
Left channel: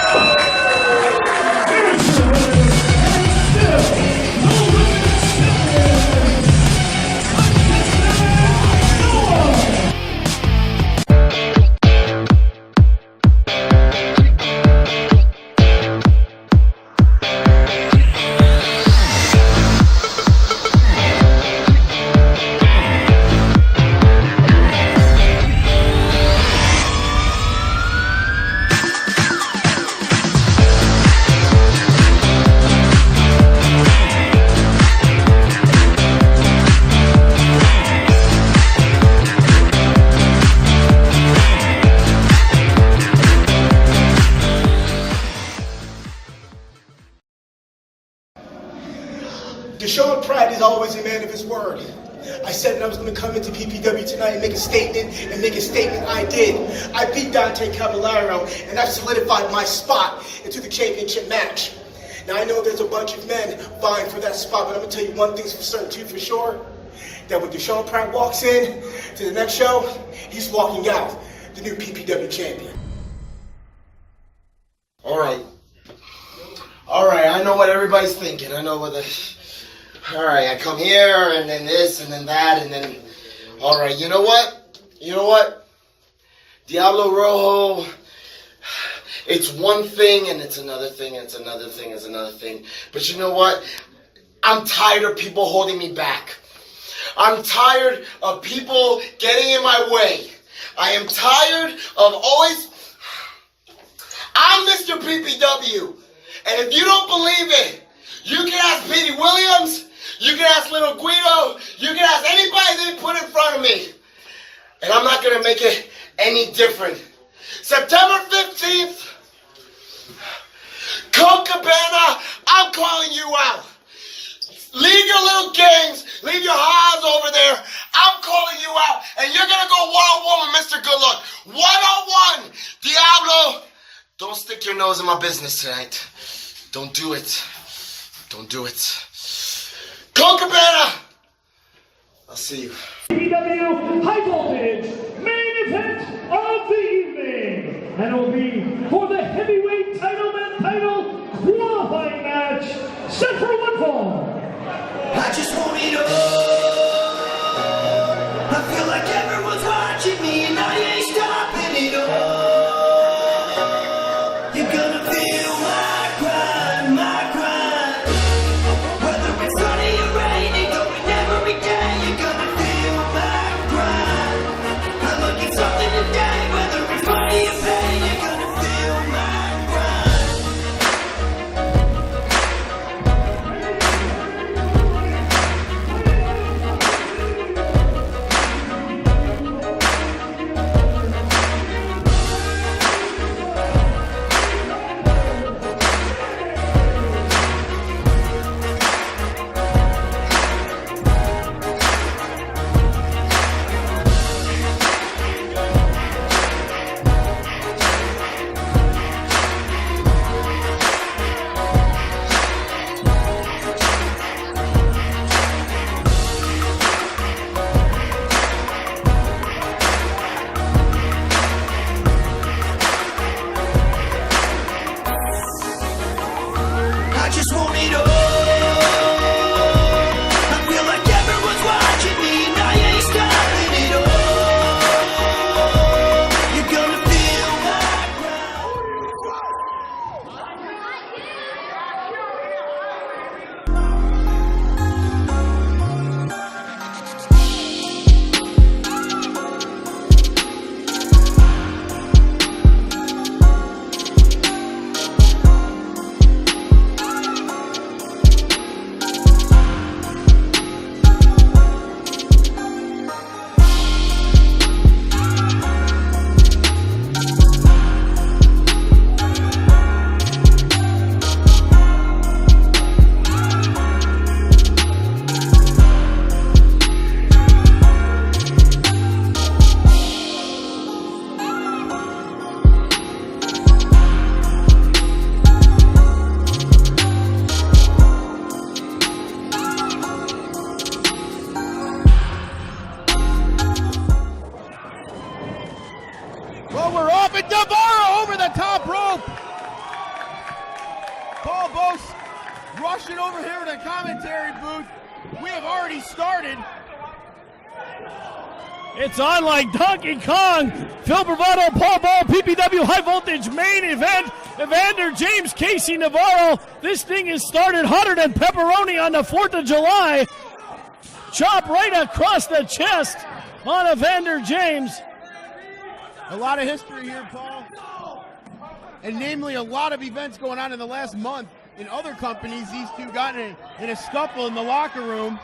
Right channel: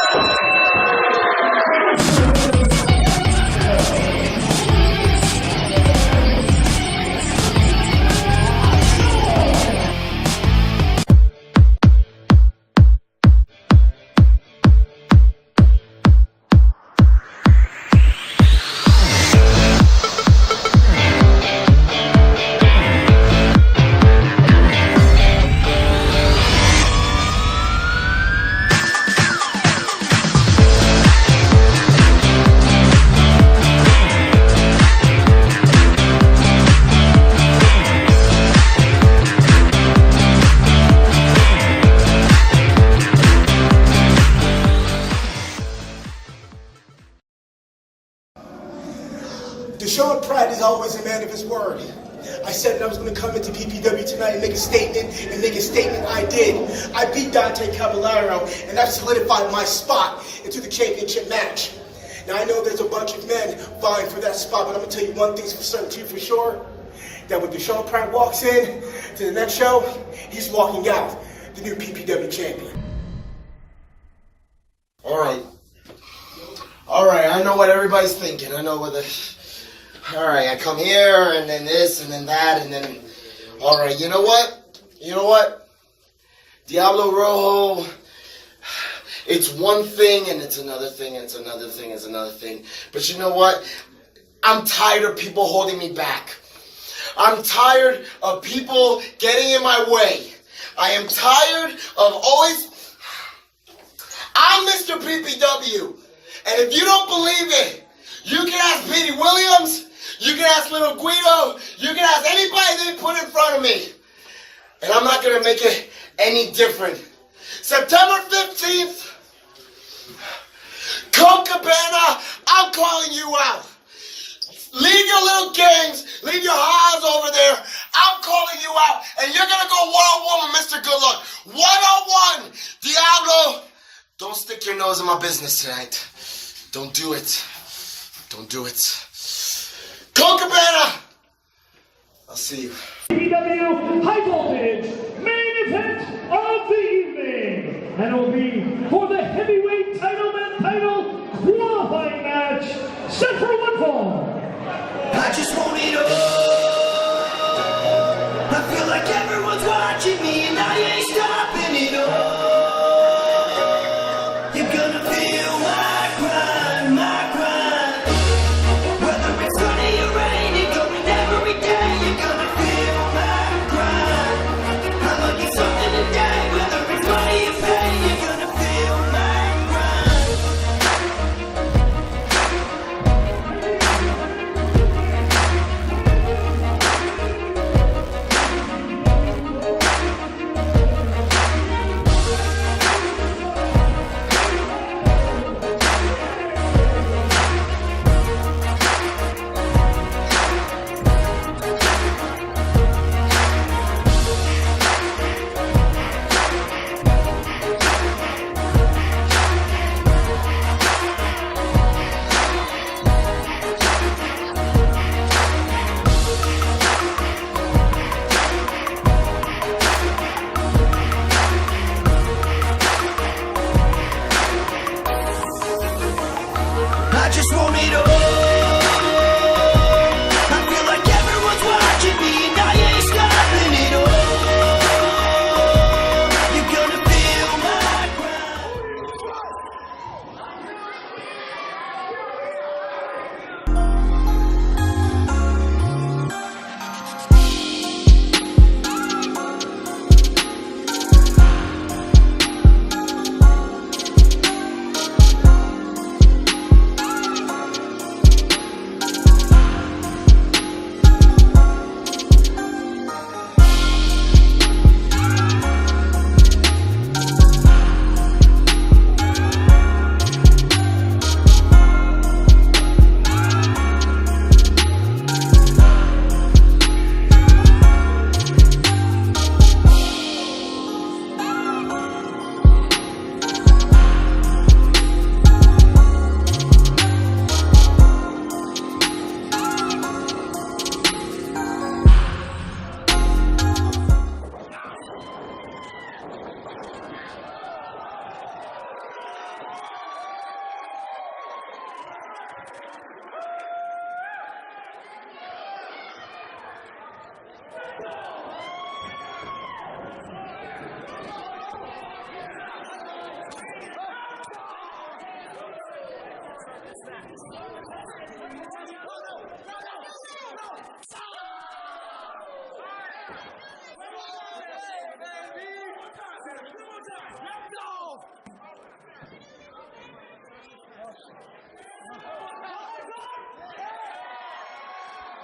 Desean Pratt is always a man of his word. I said that I was going to come into PPW tonight and make a statement, I did. I beat Dante Caballero, and I've solidified my spot into the championship match. Now, I know there's a bunch of men vying for that spot, but I'm going to tell you one thing's for certain, too, for sure, that when Desean Pratt walks in to the next show, he's walking out the new PPW champion. All right, I know what everybody's thinking. I know what all right, I come here, and then this, and then that, and then... All right, you know what? Diablo Rojo, it's one thing, and it's another thing, and it's another thing, and it's another thing. But you know what? I'm tired of people holding me back. I'm tired of people getting in my way. I am tired of always... I'm Mr. PPW, and if you don't believe it, you can ask Petey Williams, you can ask Little Guido, you can ask anybody they put in front of me. And I'm not going to make it any different. September 15th, Colt Cabana, I'm calling you out. Leave your little games, leave your highs over there. I'm calling you out, and you're going to go one-on-one with Mr. Good Luck. One-on-one, Diablo. Don't stick your nose in my business tonight. Don't do it. Don't do it. Colt Cabana! I'll see you. PPW High Voltage main event of the evening. And it will be for the heavyweight title qualifying match set for one fall. I just want it all. I feel like everyone's watching me and I ain't stopping it all. You're gonna feel my grind, whether it's sunny or rainy, going every day. You're gonna feel my grind. I'm looking something today, whether it's money or pain. You're gonna feel my grind. but Navarro over the top rope. Paul Bose rushing over here to the commentary booth. We have already started. It's on like Donkey Kong. Phil Bravado, Paul Ball, PPW High Voltage main event. Evander James, Casey Navarro. This thing is started hotter than pepperoni on the 4th of July. Chop right across the chest on Evander James. A lot of history here, Paul. And namely, a lot of events going on in the last month. In other companies, these two got in a scuffle in the locker room.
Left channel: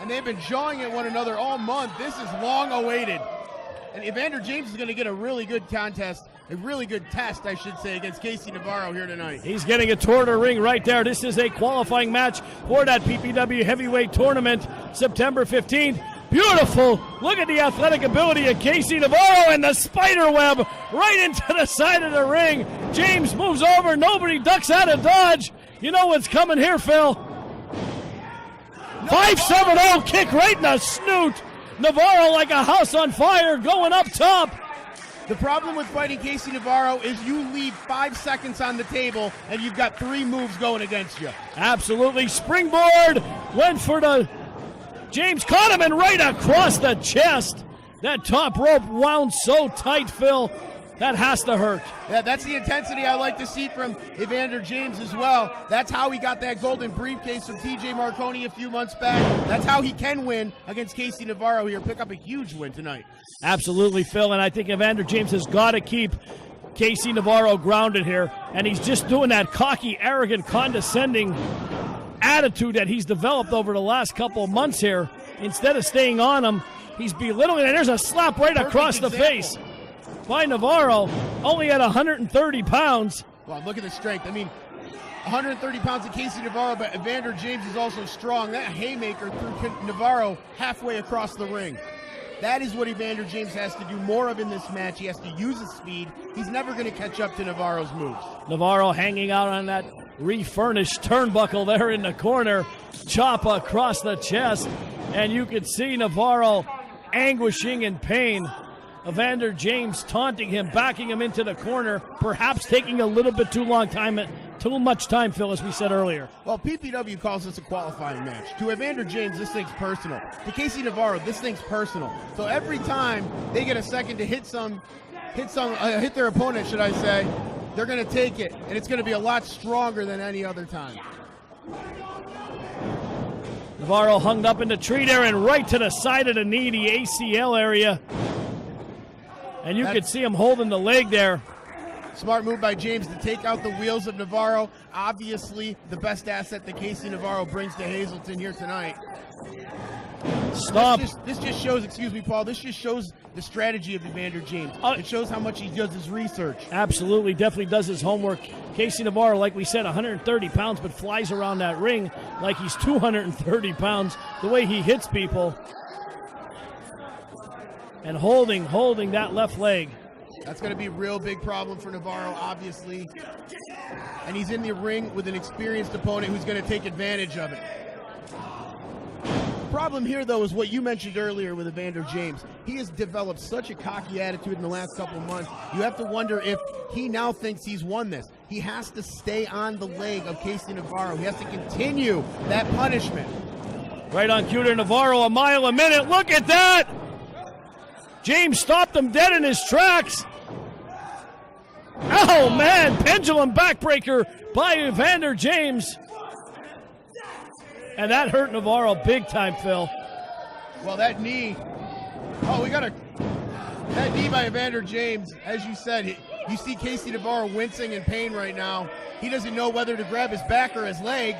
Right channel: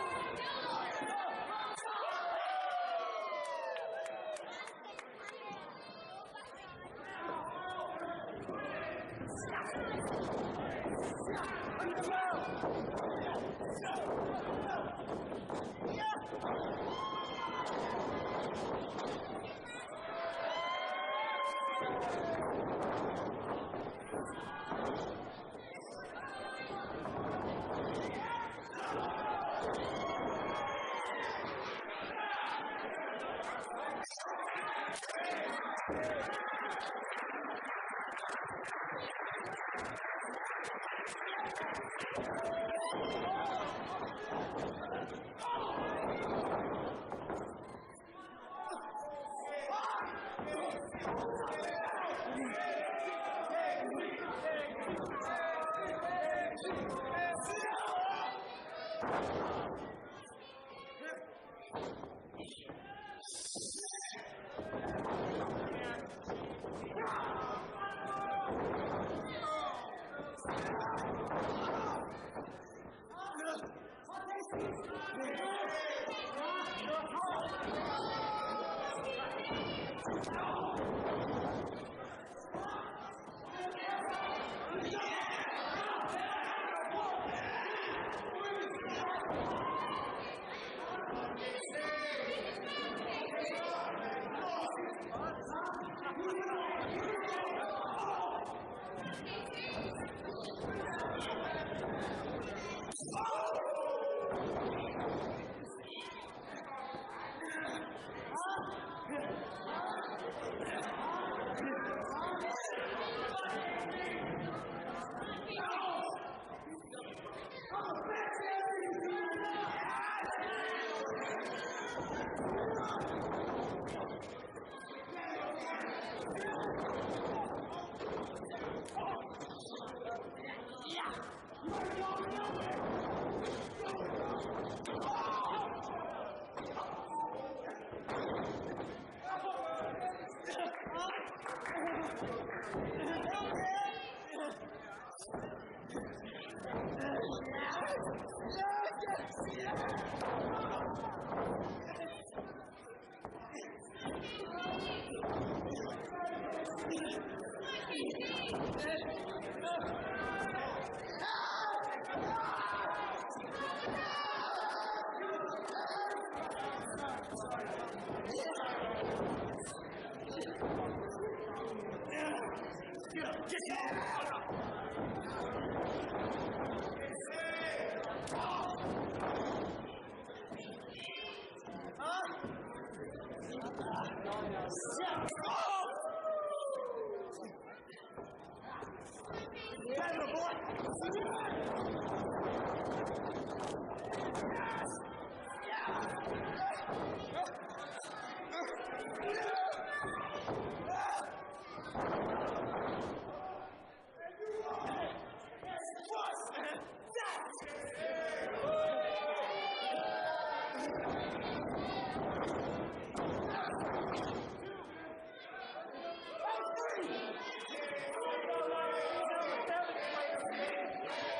And they've been jawing at one another all month. This is long awaited. And Evander James is going to get a really good contest, a really good test, I should say, against Casey Navarro here tonight. He's getting a tour to ring right there. This is a qualifying match for that PPW Heavyweight Tournament, September 15th. Beautiful. Look at the athletic ability of Casey Navarro and the spider web right into the side of the ring. James moves over. Nobody ducks out of dodge. You know what's coming here, Phil. 5-7-0 kick right in the snoot. Navarro like a house on fire going up top. The problem with fighting Casey Navarro is you leave 5 seconds on the table and you've got 3 moves going against you. Absolutely. Springboard went for the... James caught him and right across the chest. That top rope wound so tight, Phil. That has to hurt. Yeah, that's the intensity I like to see from Evander James as well. That's how he got that golden briefcase from TJ Marconi a few months back. That's how he can win against Casey Navarro here. Pick up a huge win tonight. Absolutely, Phil. And I think Evander James has got to keep Casey Navarro grounded here. And he's just doing that cocky, arrogant, condescending attitude that he's developed over the last couple of months here. Instead of staying on him, he's belittling. And there's a slap right across the face by Navarro, only at 130 pounds. Wow, look at the strength. I mean, 130 pounds of Casey Navarro, but Evander James is also strong. That haymaker threw Navarro halfway across the ring. That is what Evander James has to do more of in this match. He has to use his speed. He's never going to catch up to Navarro's moves. Navarro hanging out on that refurnished turnbuckle there in the corner. Chop across the chest, and you can see Navarro anguishing in pain. Evander James taunting him, backing him into the corner, perhaps taking a little bit too much time, Phil, as we said earlier. Well, PPW calls this a qualifying match. To Evander James, this thing's personal. To Casey Navarro, this thing's personal. So every time they get a second to hit their opponent, should I say, they're going to take it, and it's going to be a lot stronger than any other time. Navarro hung up in the tree there and right to the side of the knee, the ACL area. And you could see him holding the leg there. Smart move by James to take out the wheels of Navarro. Obviously, the best asset that Casey Navarro brings to Hazleton here tonight. Stop. This just shows, excuse me, Paul, this just shows the strategy of Evander James. It shows how much he does his research. Absolutely, definitely does his homework. Casey Navarro, like we said, 130 pounds, but flies around that ring like he's 230 pounds. The way he hits people. And holding that left leg. That's going to be a real big problem for Navarro, obviously. And he's in the ring with an experienced opponent who's going to take advantage of it. The problem here, though, is what you mentioned earlier with Evander James. He has developed such a cocky attitude in the last couple of months. You have to wonder if he now thinks he's won this. He has to stay on the leg of Casey Navarro. He has to continue that punishment. Right on cue to Navarro, a mile a minute. Look at that! James stopped him dead in his tracks. Oh, man, pendulum backbreaker by Evander James. And that hurt Navarro big time, Phil. Well, that knee. That knee by Evander James, as you said, you see Casey Navarro wincing in pain right now. He doesn't know whether to grab his back or his leg.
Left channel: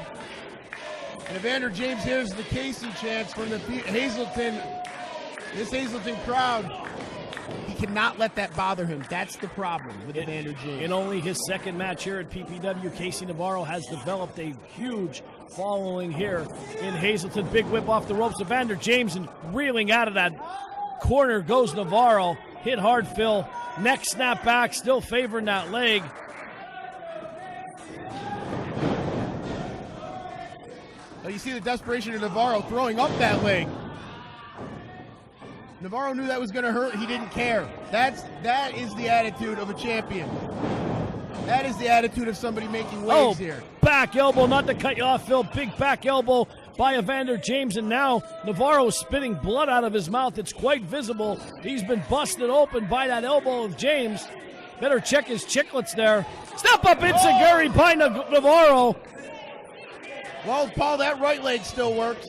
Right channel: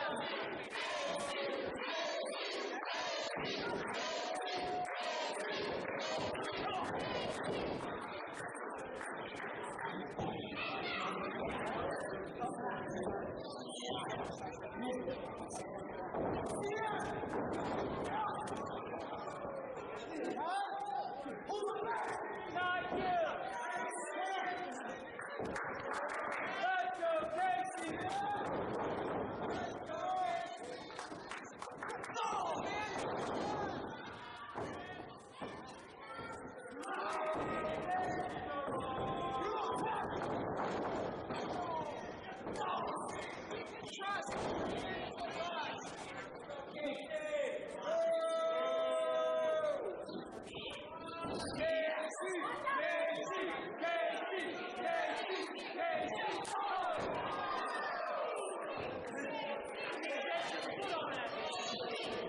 And Evander James hears the Casey chants from the this Hazleton crowd. He cannot let that bother him. That's the problem with Evander James. In only his second match here at PPW, Casey Navarro has developed a huge following here in Hazleton. Big whip off the ropes. Evander James and reeling out of that corner goes Navarro. Hit hard, Phil. Neck snap back, still favoring that leg. Well, you see the desperation of Navarro throwing up that leg. Navarro knew that was going to hurt. He didn't care. That is the attitude of a champion. That is the attitude of somebody making waves here. Back elbow, not to cut you off, Phil. Big back elbow by Evander James, and now Navarro is spitting blood out of his mouth. It's quite visible. He's been busted open by that elbow of James. Better check his chiclets there. Step up enziguri by Navarro. Well, Paul, that right leg still works.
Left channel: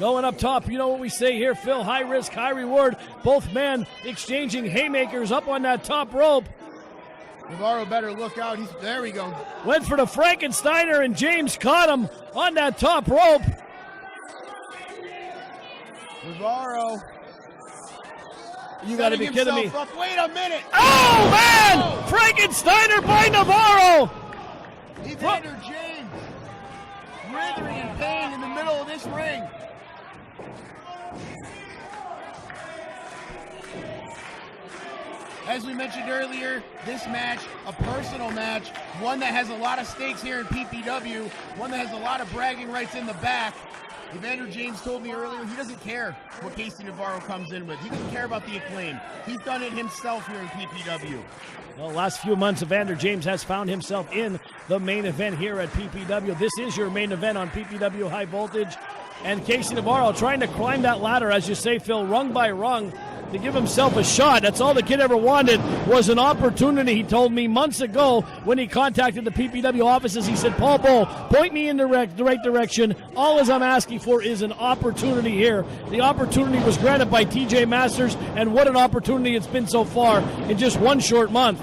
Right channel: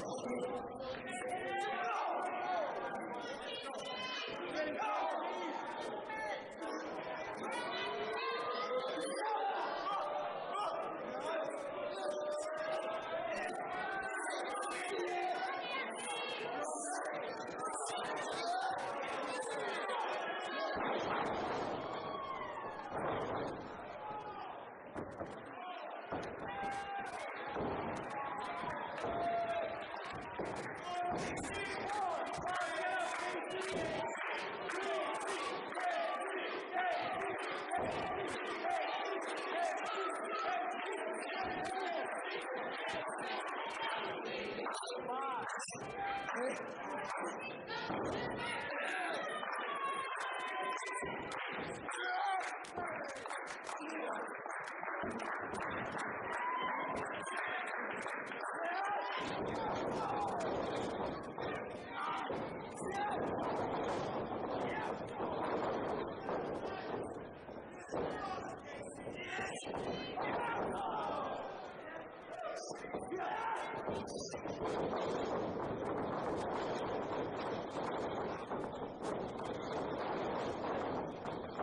Going up top, you know what we say here, Phil. High risk, high reward. Both men exchanging haymakers up on that top rope. Navarro better look out. There we go. Went for the Frankensteiner, and James caught him on that top rope. Navarro. You got to be kidding me. Up. Wait a minute. Oh, man! Frankensteiner by Navarro. Evander James writhing in pain in the middle of this ring. As we mentioned earlier, this match, a personal match, one that has a lot of stakes here in PPW, one that has a lot of bragging rights in the back. Evander James told me earlier he doesn't care what Casey Navarro comes in with. He doesn't care about the acclaim. He's done it himself here in PPW. Well, last few months, Evander James has found himself in the main event here at PPW. This is your main event on PPW High Voltage. And Casey Navarro trying to climb that ladder, as you say, Phil, rung by rung, to give himself a shot. That's all the kid ever wanted, was an opportunity. He told me months ago when he contacted the PPW offices, he said, Paul Bo, point me in the right direction. All as I'm asking for is an opportunity here. The opportunity was granted by TJ Masters, and what an opportunity it's been so far in just one short month.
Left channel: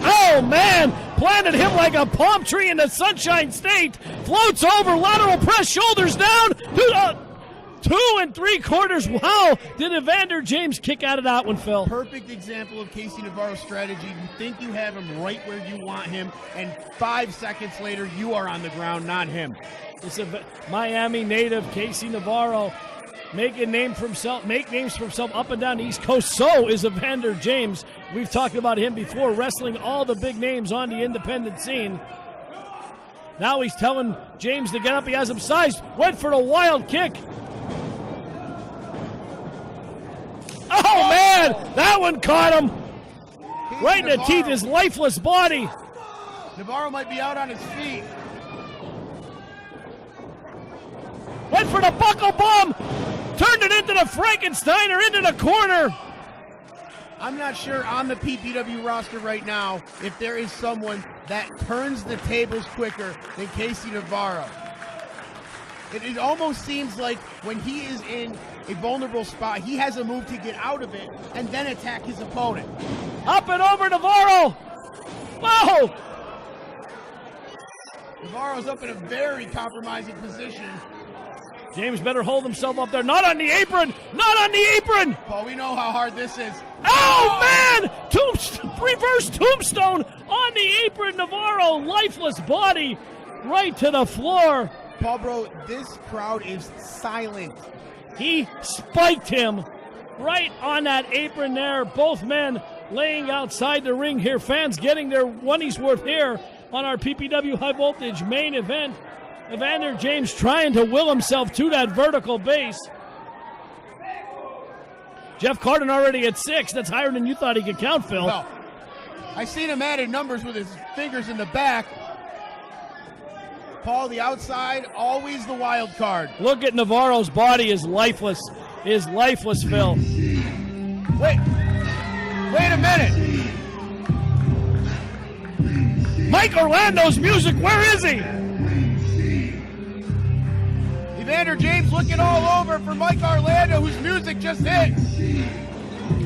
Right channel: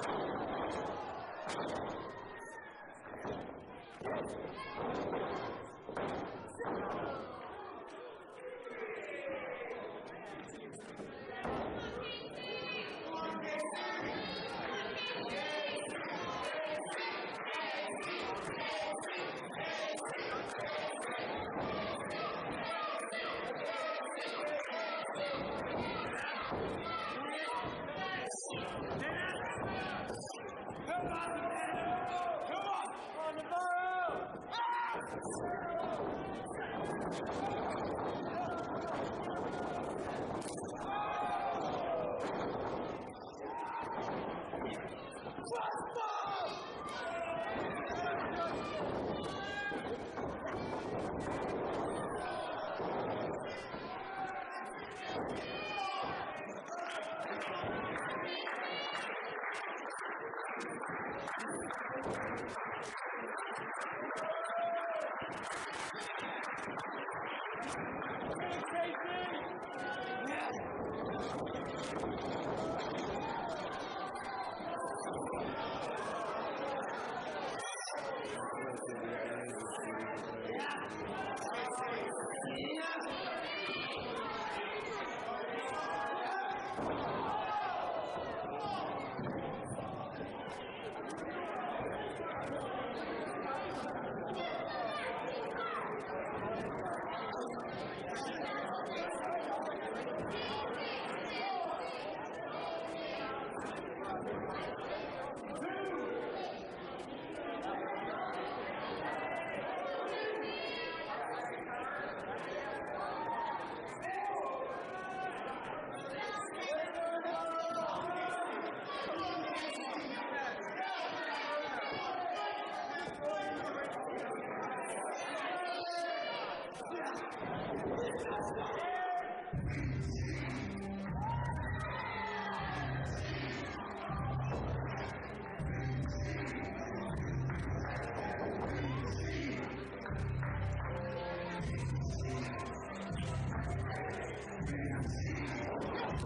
Oh, man! Planted him like a palm tree in the Sunshine State. Floats over, lateral press, shoulders down. 2 3/4. Wow! Did Evander James kick out of that one, Phil? Perfect example of Casey Navarro's strategy. You think you have him right where you want him, and 5 seconds later, you are on the ground, not him. This is Miami native Casey Navarro. Make names for himself up and down the East Coast. So is Evander James. We've talked about him before, wrestling all the big names on the independent scene. Now he's telling James to get up. He has him sized. Went for the wild kick. Oh, man! That one caught him. Right in the teeth, his lifeless body. Navarro might be out on his feet. Went for the buckle bomb. Turned it into the Frankensteiner, into the corner. I'm not sure on the PPW roster right now if there is someone that turns the tables quicker than Casey Navarro. It almost seems like when he is in a vulnerable spot, he has a move to get out of it and then attack his opponent. Up and over Navarro. Whoa! Navarro's up in a very compromising position. James better hold himself up there. Not on the apron! Not on the apron! Paul, we know how hard this is. Oh, man! Reverse tombstone on the apron. Navarro, lifeless body, right to the floor. Paul, bro, this crowd is silent. He spiked him right on that apron there. Both men laying outside the ring here. Fans getting their money's worth here on our PPW High Voltage main event. Evander James trying to will himself to that vertical base. Jeff Carden already at 6. That's higher than you thought he could count, Phil. No. I seen him adding numbers with his fingers in the back. Paul, the outside, always the wild card. Look at Navarro's body is lifeless. Phil. Wait a minute. Mike Orlando's music, where is he? Evander James looking all over for Mike Orlando, whose music just hit.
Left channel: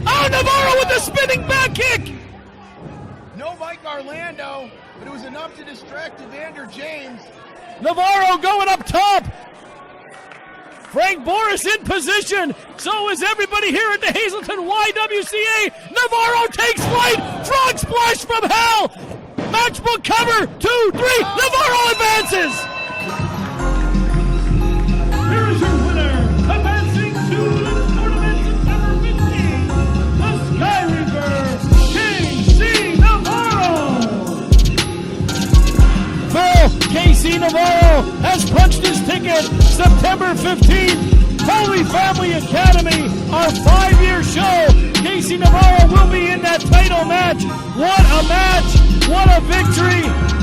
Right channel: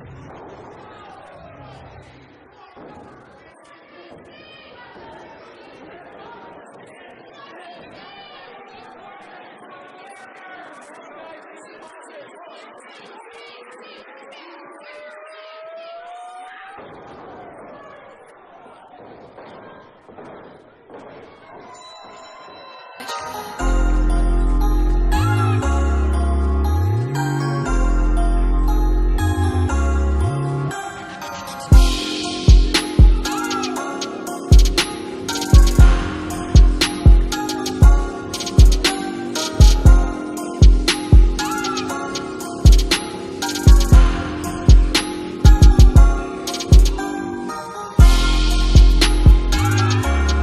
Oh, Navarro with the spinning back kick. No Mike Orlando. It was enough to distract Evander James. Navarro going up top. Frank Boris in position. So is everybody here at the Hazleton YWCA. Navarro takes flight. Frog splash from hell. Matchbook cover. 2, 3. Navarro advances. Navarro has punched his ticket. September November 15th, Holy Family Academy, our 5-year show. Desean Navarro will be in that title match. What a match! What a victory!